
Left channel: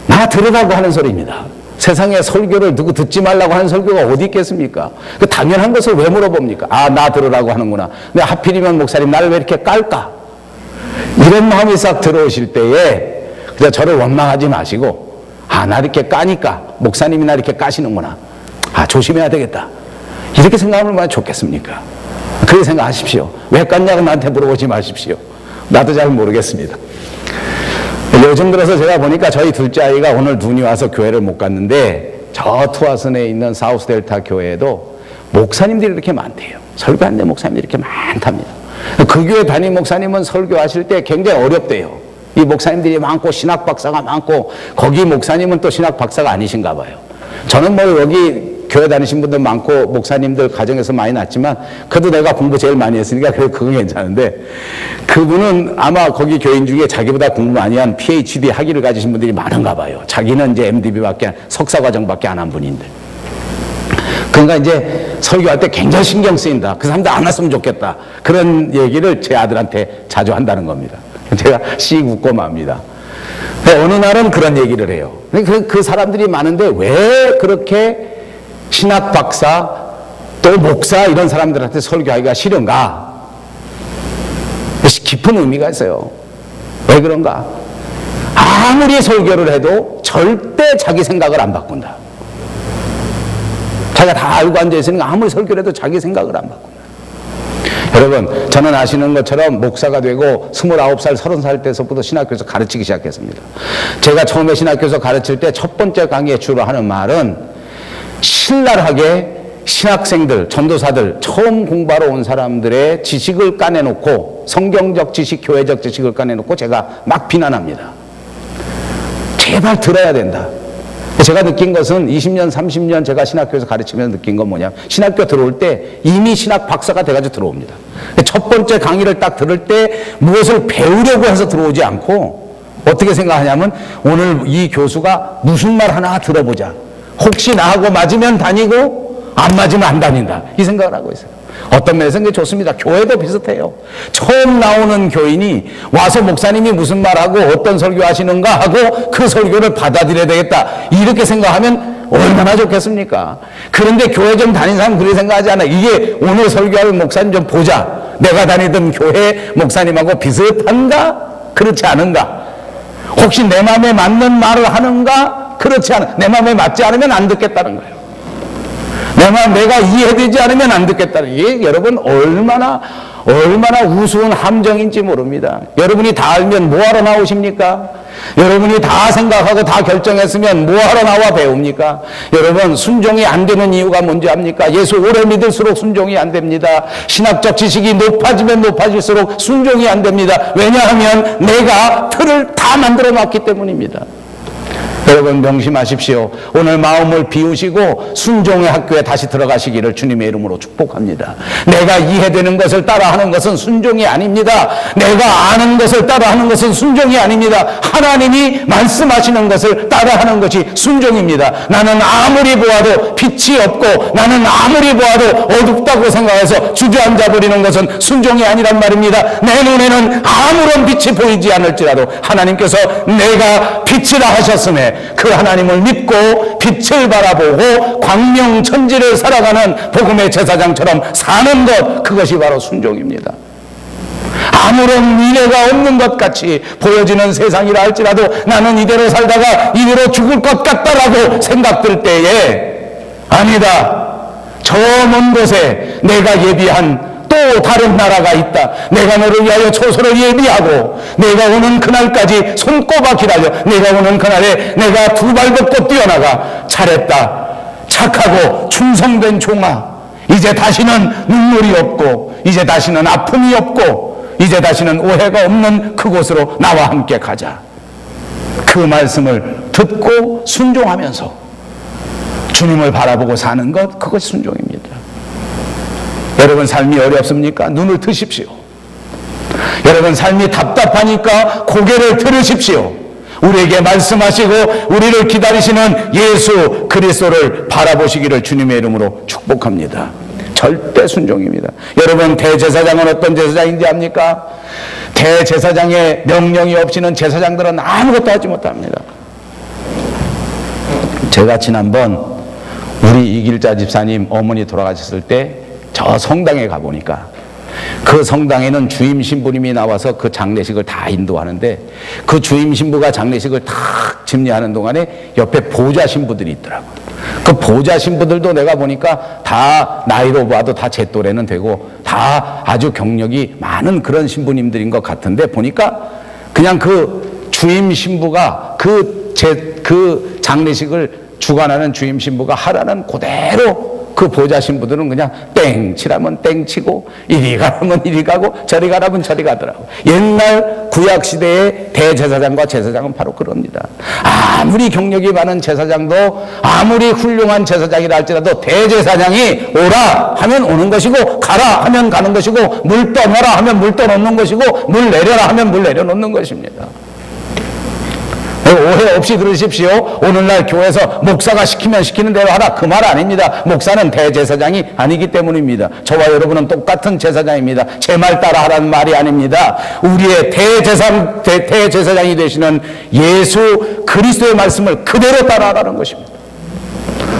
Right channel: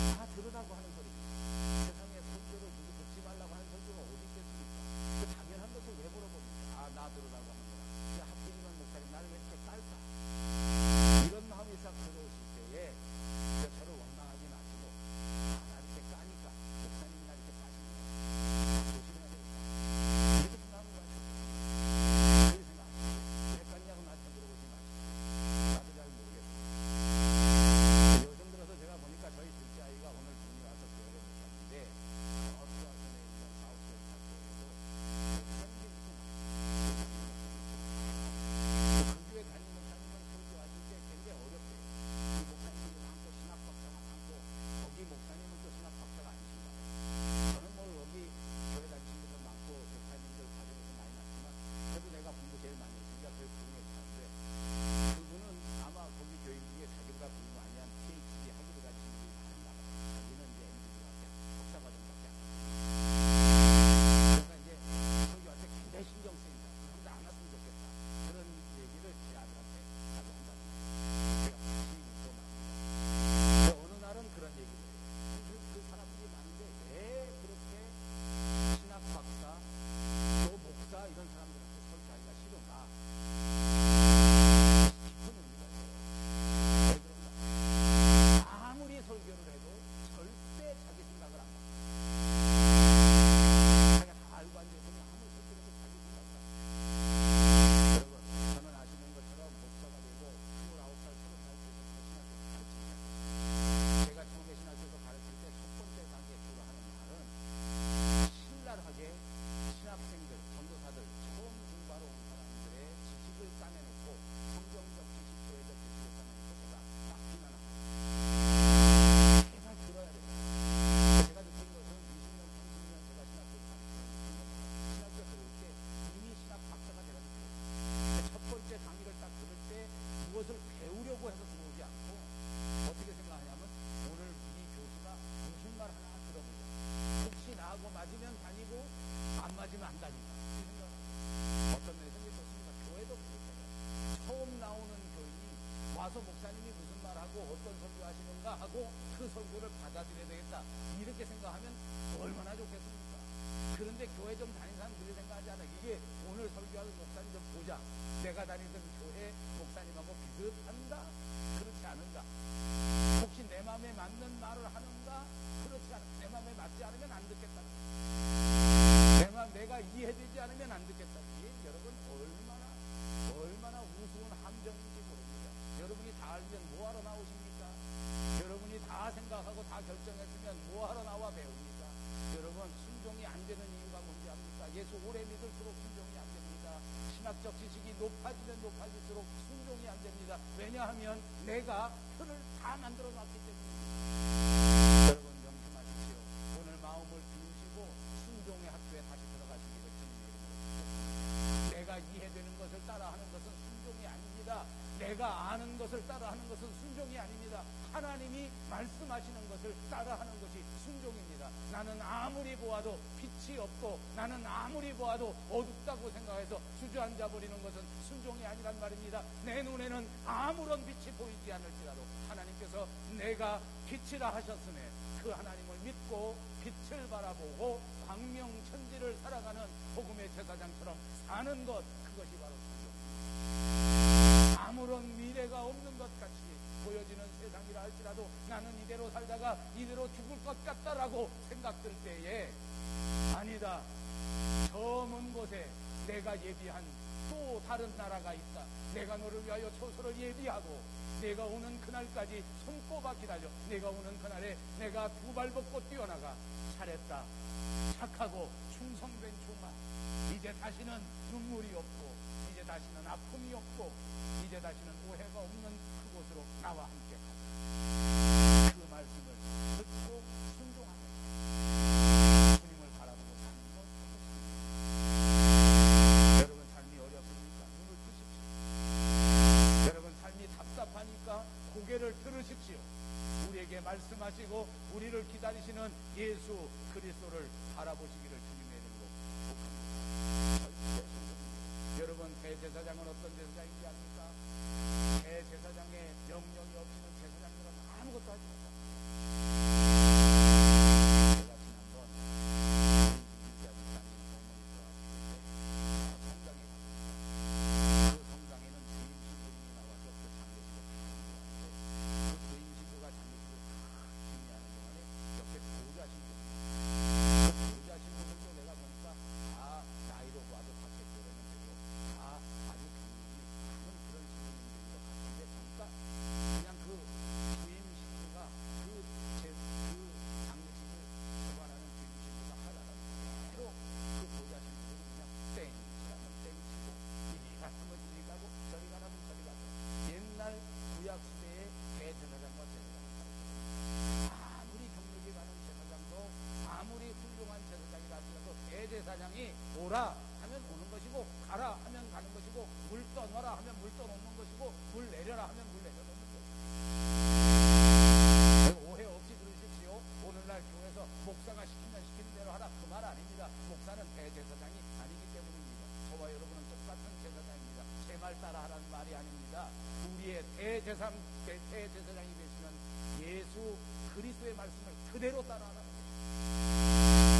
나 들으라고 하는 소리입니다. 세상에 설교를 누구 듣지 말라고 하는 설교가 어디 있겠습니까? 그 당연한 것을 왜 물어봅니까? 아, 나 들으라고 하는구나. 근데 하필이면 목사님 나를 왜 이렇게 깔까? 이런 마음이 싹 들어오실 때에 그냥 저를 원망하지 마시고, 아, 나 이렇게 까니까 목사님이 나 이렇게 까시는구나. 아, 조심해야 되겠다. 이렇게 생각하면 얼마나 좋겠습니까? 그렇게 생각하십시오. 왜 깠냐고 나한테 물어보지 마십시오. 나도 잘 모르겠습니다. 요즘 들어서 제가 보니까 저희 둘째 아이가 오늘 눈이 와서 교회를 못 갔는데, 저 투아슨에 있는 사우스델타 교회에도 목사님들이 이렇게 많대요. 설교하는데 목사님들이 이렇게 많답니다. 그 교회 담임 목사님은 설교하실 때 굉장히 어렵대요. 이 목사님들이 많고 신학 박사가 많고, 거기 목사님은 또 신학 박사가 아니신가 봐요. 저는 뭐 여기 교회 다니신 분들 많고 목사님들 가정에서 많이 났지만, 그래도 내가 공부 제일 많이 했으니까 그건 괜찮은데, 그분은 아마 거기 교인 중에 자기보다 공부 많이 한 PhD 학위를 가지신 분들이 많은가 봐요. 자기는 이제 MDB밖에, 석사과정밖에 안 한 분인데. 그러니까 이제 설교할 때 굉장히 신경 쓰인다. 그 사람들 안 왔으면 좋겠다. 그런 얘기를 제 아들한테 자주 한다는 겁니다. 제가 씩 웃고 맙니다. 어느 날은 그런 얘기를 해요. 그 사람들이 많은데 왜 그렇게 신학 박사 또 목사 이런 사람들한테 설교하기가 싫은가? 깊은 의미가 있어요. 왜 그런가? 아무리 설교를 해도 절대 자기 생각을 안 바꾼다. 자기가 다 알고 앉아있으니까 아무리 설교를 해도 자기 생각을 안 바꾼다. 여러분, 저는 아시는 것처럼 목사가 되고 29살, 30살 때서부터 신학교에서 가르치기 시작했습니다. 제가 처음에 신학교에서 가르칠 때 첫 번째 강의에 주로 하는 말은, 신랄하게 신학생들, 전도사들, 처음 공부하러 온 사람들의 지식을 까내놓고, 성경적 지식, 교회적 지식을 까내놓고 제가 막 비난합니다. 제발 들어야 된다. 제가 느낀 것은 20년, 30년 제가 신학교에서 가르치면서 느낀 건 뭐냐면, 신학교 들어올 때 이미 신학 박사가 돼가지고 들어옵니다. 첫 번째 강의를 딱 들을 때 무엇을 배우려고 해서 들어오지 않고, 어떻게 생각하냐면, 오늘 이 교수가 무슨 말 하나 들어보자. 혹시 나하고 맞으면 다니고 안 맞으면 안 다닌다. 이 생각을 하고 있어요. 어떤 면에서는 그게 좋습니다. 교회도 비슷해요. 처음 나오는 교인이 와서 목사님이 무슨 말하고 어떤 설교하시는가 하고 그 설교를 받아들여야 되겠다. 이렇게 생각하면 얼마나 좋겠습니까? 그런데 교회 좀 다니는 사람 그렇게 생각하지 않아요. 이게 오늘 설교할 목사님 좀 보자. 내가 다니던 교회 목사님하고 비슷한가? 그렇지 않은가? 혹시 내 마음에 맞는 말을 하는가? 그렇지 않아. 내 마음에 맞지 않으면 안 듣겠다는 거예요. 내가 이해되지 않으면 안 듣겠다는, 이게 여러분 얼마나 우스운 함정인지 모릅니다. 여러분이 다 알면 뭐하러 나오십니까? 여러분이 다 생각하고 다 결정했으면 뭐하러 나와 배웁니까? 여러분, 순종이 안 되는 이유가 뭔지 압니까? 예수 오래 믿을수록 순종이 안 됩니다. 신학적 지식이 높아지면 높아질수록 순종이 안 됩니다. 왜냐하면 내가 틀을 다 만들어 놨기 때문입니다. 여러분 명심하십시오. 오늘 마음을 비우시고 순종의 학교에 다시 들어가시기를 주님의 이름으로 축복합니다. 내가 이해되는 것을 따라하는 것은 순종이 아닙니다. 내가 아는 것을 따라하는 것은 순종이 아닙니다. 하나님이 말씀하시는 것을 따라하는 것이 순종입니다. 나는 아무리 보아도 빛이 없고 나는 아무리 보아도 어둡다고 생각해서 주저앉아 버리는 것은 순종이 아니란 말입니다. 내 눈에는 아무런 빛이 보이지 않을지라도 하나님께서 내가 빛이라 하셨음에 그 하나님을 믿고 빛을 바라보고 광명천지를 살아가는 복음의 제사장처럼 사는 것, 그것이 바로 순종입니다. 아무런 미래가 없는 것 같이 보여지는 세상이라 할지라도 나는 이대로 살다가 이대로 죽을 것 같다라고 생각될 때에 아니다, 저 먼 곳에 내가 예비한 또 다른 나라가 있다. 내가 너를 위하여 초소를 예비하고 내가 오는 그날까지 손꼽아 기다려. 내가 오는 그날에 내가 두 발 걷고 뛰어나가. 잘했다, 착하고 충성된 종아, 이제 다시는 눈물이 없고 이제 다시는 아픔이 없고 이제 다시는 오해가 없는 그곳으로 나와 함께 가자. 그 말씀을 듣고 순종하면서 주님을 바라보고 사는 것, 그것이 순종입니다. 여러분 삶이 어렵습니까? 눈을 트십시오. 여러분 삶이 답답하니까 고개를 들으십시오. 우리에게 말씀하시고 우리를 기다리시는 예수 그리스도를 바라보시기를 주님의 이름으로 축복합니다. 절대 순종입니다. 여러분 대제사장은 어떤 제사장인지 압니까? 대제사장의 명령이 없이는 제사장들은 아무것도 하지 못합니다. 제가 지난번 우리 이길자 집사님 어머니 돌아가셨을 때 저 성당에 가보니까 그 성당에는 주임 신부님이 나와서 그 장례식을 다 인도하는데 그 주임 신부가 장례식을 다 집례하는 동안에 옆에 보좌 신부들이 있더라고요. 그 보좌 신부들도 내가 보니까 다 나이로 봐도 다 제 또래는 되고 다 아주 경력이 많은 그런 신부님들인 것 같은데 보니까 그냥 그 주임 신부가 그 장례식을 주관하는 주임 신부가 하라는 그대로 그 보좌 신부들은 그냥 땡 치라면 땡 치고 이리 가라면 이리 가고 저리 가라면 저리 가더라고. 옛날 구약시대의 대제사장과 제사장은 바로 그럽니다. 아무리 경력이 많은 제사장도 아무리 훌륭한 제사장이라 할지라도 대제사장이 오라 하면 오는 것이고 가라 하면 가는 것이고 물 떠넣어라 하면 물 떠넣는 것이고 물 내려라 하면 물 내려놓는 것입니다. 오해 없이 들으십시오. 오늘날 교회에서 목사가 시키면 시키는 대로 하라, 그 말 아닙니다. 목사는 대제사장이 아니기 때문입니다. 저와 여러분은 똑같은 제사장입니다. 제 말 따라 하라는 말이 아닙니다. 우리의 대제사장이 되시는 예수 그리스도의 말씀을 그대로 따라하라는 것입니다.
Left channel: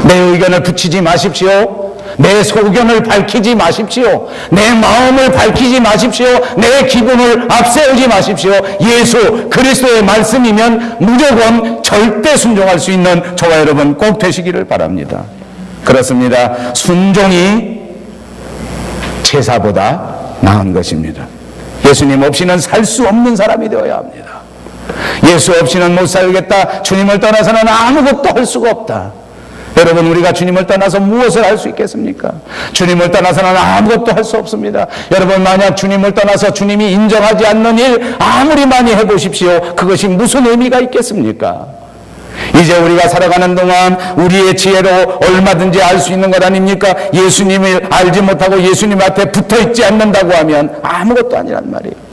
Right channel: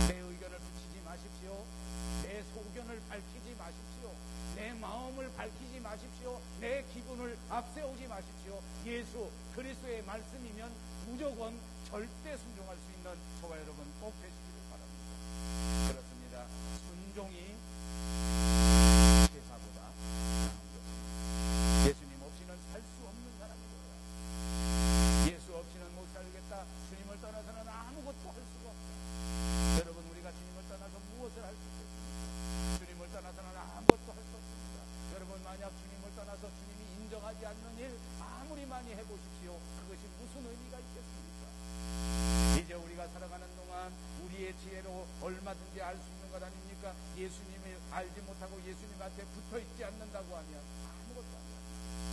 내 의견을 붙이지 마십시오. 내 소견을 밝히지 마십시오. 내 마음을 밝히지 마십시오. 내 기분을 앞세우지 마십시오. 예수 그리스도의 말씀이면 무조건 절대 순종할 수 있는 저와 여러분 꼭 되시기를 바랍니다. 그렇습니다. 순종이 제사보다 나은 것입니다. 예수님 없이는 살 수 없는 사람이 되어야 합니다. 예수 없이는 못 살겠다, 주님을 떠나서는 아무것도 할 수가 없다. 여러분 우리가 주님을 떠나서 무엇을 할 수 있겠습니까? 주님을 떠나서는 아무것도 할 수 없습니다. 여러분 만약 주님을 떠나서 주님이 인정하지 않는 일 아무리 많이 해보십시오. 그것이 무슨 의미가 있겠습니까? 이제 우리가 살아가는 동안 우리의 지혜로 얼마든지 알 수 있는 것 아닙니까? 예수님을 알지 못하고 예수님 앞에 붙어있지 않는다고 하면 아무것도 아니란 말이에요.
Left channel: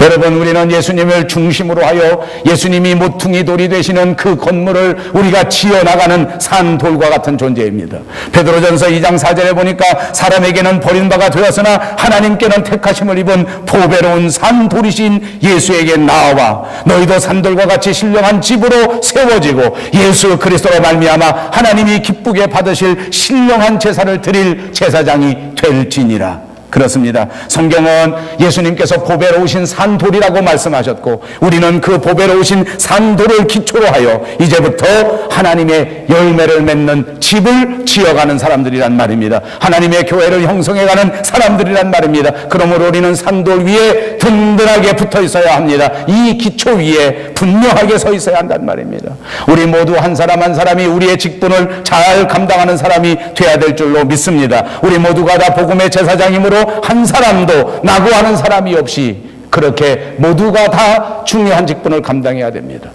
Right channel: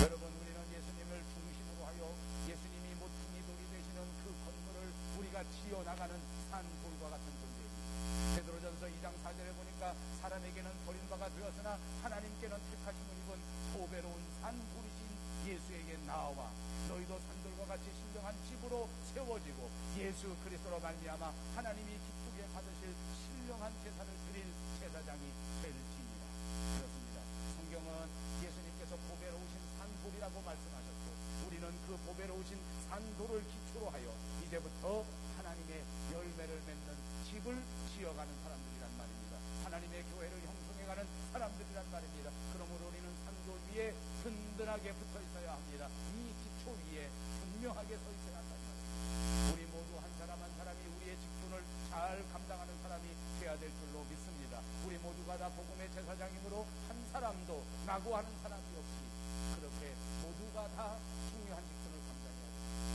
여러분, 우리는 예수님을 중심으로 하여 예수님이 모퉁이 돌이 되시는 그 건물을 우리가 지어나가는 산돌과 같은 존재입니다. 베드로전서 2장 4절에 보니까 사람에게는 버림바가 되었으나 하나님께는 택하심을 입은 보배로운 산돌이신 예수에게 나아와 너희도 산돌과 같이 신령한 집으로 세워지고 예수 그리스도로 말미암아 하나님이 기쁘게 받으실 신령한 제사를 드릴 제사장이 될지니라. 그렇습니다. 성경은 예수님께서 보배로우신 산돌이라고 말씀하셨고 우리는 그 보배로우신 산돌을 기초로 하여 이제부터 하나님의 열매를 맺는 집을 지어가는 사람들이란 말입니다. 하나님의 교회를 형성해가는 사람들이란 말입니다. 그러므로 우리는 산돌 위에 든든하게 붙어 있어야 합니다. 이 기초 위에 분명하게 서 있어야 한단 말입니다. 우리 모두 한 사람 한 사람이 우리의 직분을 잘 감당하는 사람이 돼야 될 줄로 믿습니다. 우리 모두가 다 복음의 제사장이므로 한 사람도 낙오하는 사람이 없이 그렇게 모두가 다 중요한 직분을 감당해야 됩니다.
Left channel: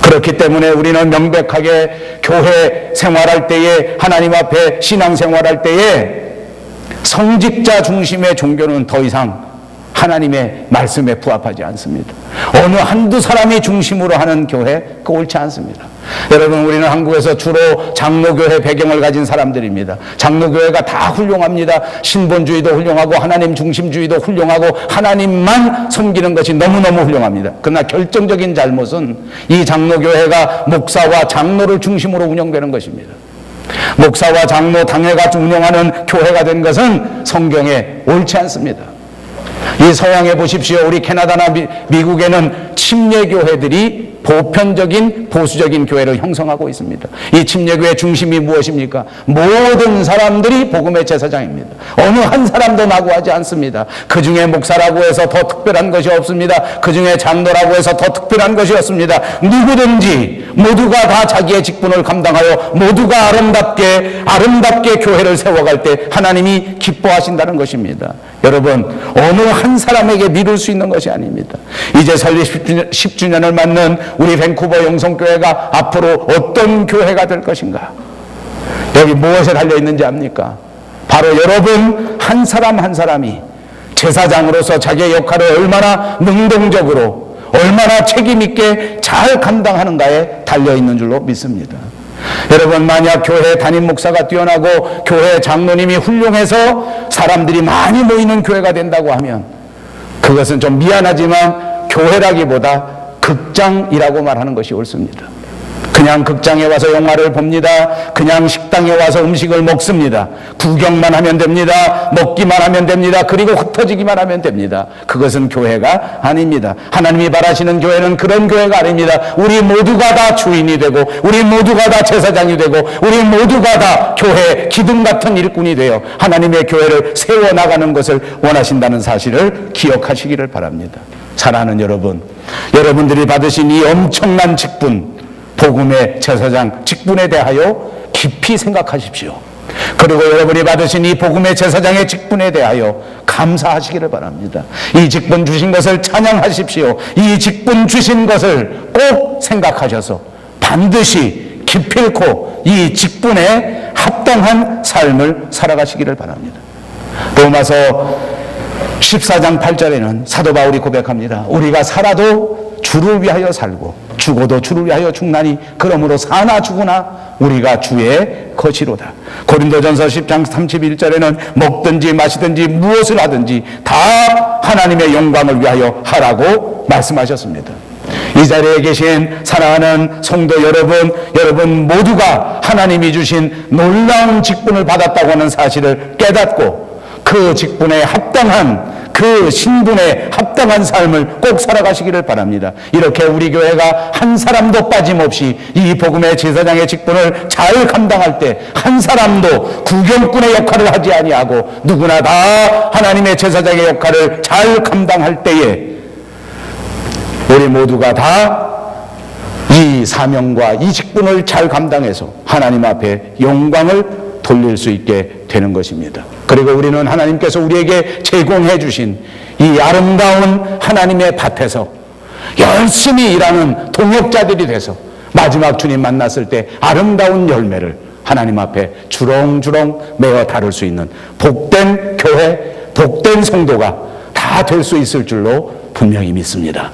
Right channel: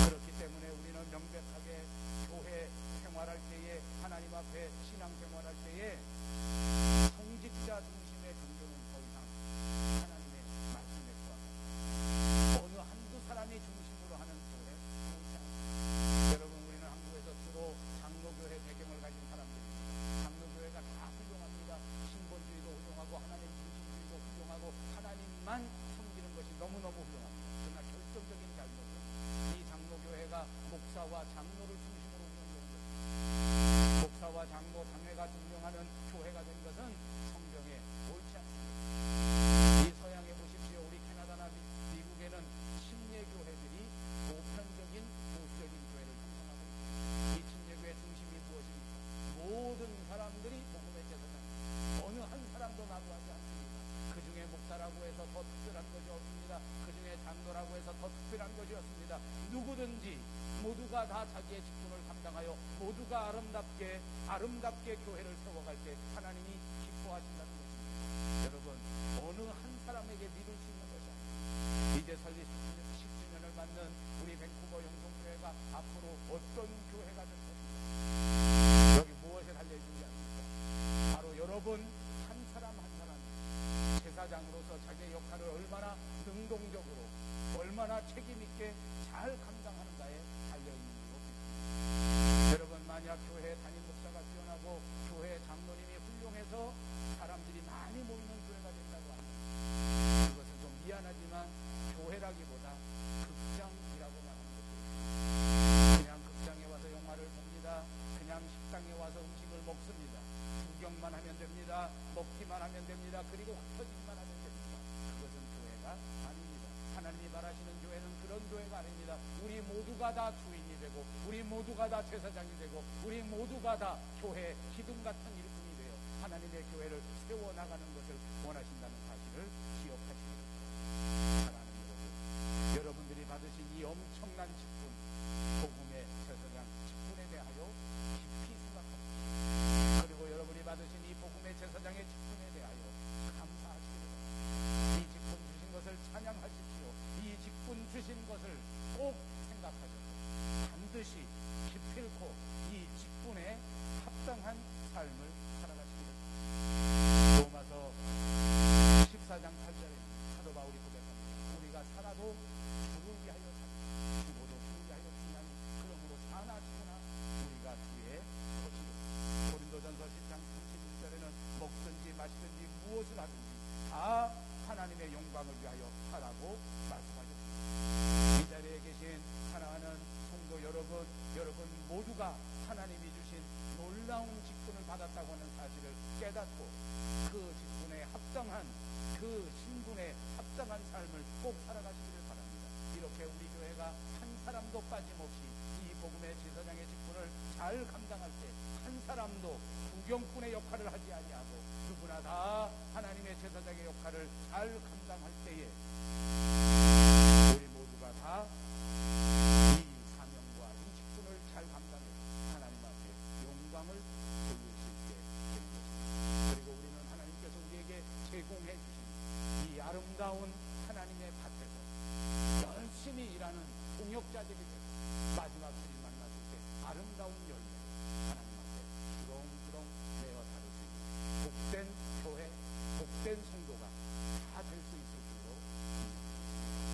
그렇기 때문에 우리는 명백하게 교회 생활할 때에, 하나님 앞에 신앙 생활할 때에 성직자 중심의 종교는 더 이상 하나님의 말씀에 부합하지 않습니다. 어느 한두 사람이 중심으로 하는 교회, 그거 옳지 않습니다. 여러분, 우리는 한국에서 주로 장로교회 배경을 가진 사람들입니다. 장로교회가 다 훌륭합니다. 신본주의도 훌륭하고 하나님 중심주의도 훌륭하고 하나님만 섬기는 것이 너무너무 훌륭합니다. 그러나 결정적인 잘못은 이 장로교회가 목사와 장로를 중심으로 운영되는 것입니다. 목사와 장로 당회가 운영하는 교회가 된 것은 성경에 옳지 않습니다. 이 서양에 보십시오. 우리 캐나다나 미국에는 침례교회들이 보편적인 보수적인 교회를 형성하고 있습니다. 이 침례교회 중심이 무엇입니까? 모든 사람들이 복음의 제사장입니다. 어느 한 사람도 낙오하지 않습니다. 그 중에 목사라고 해서 더 특별한 것이 없습니다. 그 중에 장로라고 해서 더 특별한 것이 없습니다. 누구든지 모두가 다 자기의 직분을 감당하여 모두가 아름답게 교회를 세워갈 때 하나님이 기뻐하신다는 것입니다. 여러분, 어느 한 사람에게 미룰 수 있는 것이 아닙니다. 이제 설립 10주년을 맞는 우리 밴쿠버 영성교회가 앞으로 어떤 교회가 될 것인가? 여기 무엇에 달려있는지 압니까? 바로 여러분 한 사람 한 사람이 제사장으로서 자기의 역할을 얼마나 능동적으로, 얼마나 책임있게 잘 감당하는가에 달려있는 줄로 믿습니다. 여러분, 만약 교회 담임 목사가 뛰어나고 교회 장로님이 훌륭해서 사람들이 많이 모이는 교회가 된다고 하면 그것은 좀 미안하지만 교회라기보다 극장이라고 말하는 것이 옳습니다. 그냥 극장에 와서 영화를 봅니다. 그냥 식당에 와서 음식을 먹습니다. 구경만 하면 됩니다. 먹기만 하면 됩니다. 그리고 흩어지기만 하면 됩니다. 그것은 교회가 아닙니다. 하나님이 바라시는 교회는 그런 교회가 아닙니다. 우리 모두가 다 주인이 되고 우리 모두가 다 제사장이 되고 우리 모두가 다 교회 기둥 같은 일꾼이 되어 하나님의 교회를 세워나가는 것을 원하신다는 사실을 기억하시기를 바랍니다. 사랑하는 여러분, 여러분들이 받으신 이 엄청난 직분, 복음의 제사장 직분에 대하여 깊이 생각하십시오. 그리고 여러분이 받으신 이 복음의 제사장의 직분에 대하여 감사하시기를 바랍니다. 이 직분 주신 것을 찬양하십시오. 이 직분 주신 것을 꼭 생각하셔서 반드시 기필코 이 직분에 합당한 삶을 살아가시기를 바랍니다. 로마서 14장 8절에는 사도 바울이 고백합니다. 우리가 살아도 주를 위하여 살고 죽어도 주를 위하여 죽나니 그러므로 사나 죽으나 우리가 주의 것이로다. 고린도전서 10장 31절에는 먹든지 마시든지 무엇을 하든지 다 하나님의 영광을 위하여 하라고 말씀하셨습니다. 이 자리에 계신 사랑하는 성도 여러분 모두가 하나님이 주신 놀라운 직분을 받았다고 하는 사실을 깨닫고 그 직분에 합당한, 그 신분에 합당한 삶을 꼭 살아가시기를 바랍니다. 이렇게 우리 교회가 한 사람도 빠짐없이 이 복음의 제사장의 직분을 잘 감당할 때 한 사람도 구경꾼의 역할을 하지 아니하고 누구나 다 하나님의 제사장의 역할을 잘 감당할 때에 우리 모두가 다 이 사명과 이 직분을 잘 감당해서 하나님 앞에 영광을 돌릴 수 있게 되는 것입니다. 그리고 우리는 하나님께서 우리에게 제공해 주신 이 아름다운 하나님의 밭에서 열심히 일하는 동역자들이 돼서 마지막 주님 만났을 때 아름다운 열매를 하나님 앞에 주렁주렁 메어 다룰 수 있는 복된 교회, 복된 성도가 다 다 될 수 있을 줄로 분명히 믿습니다.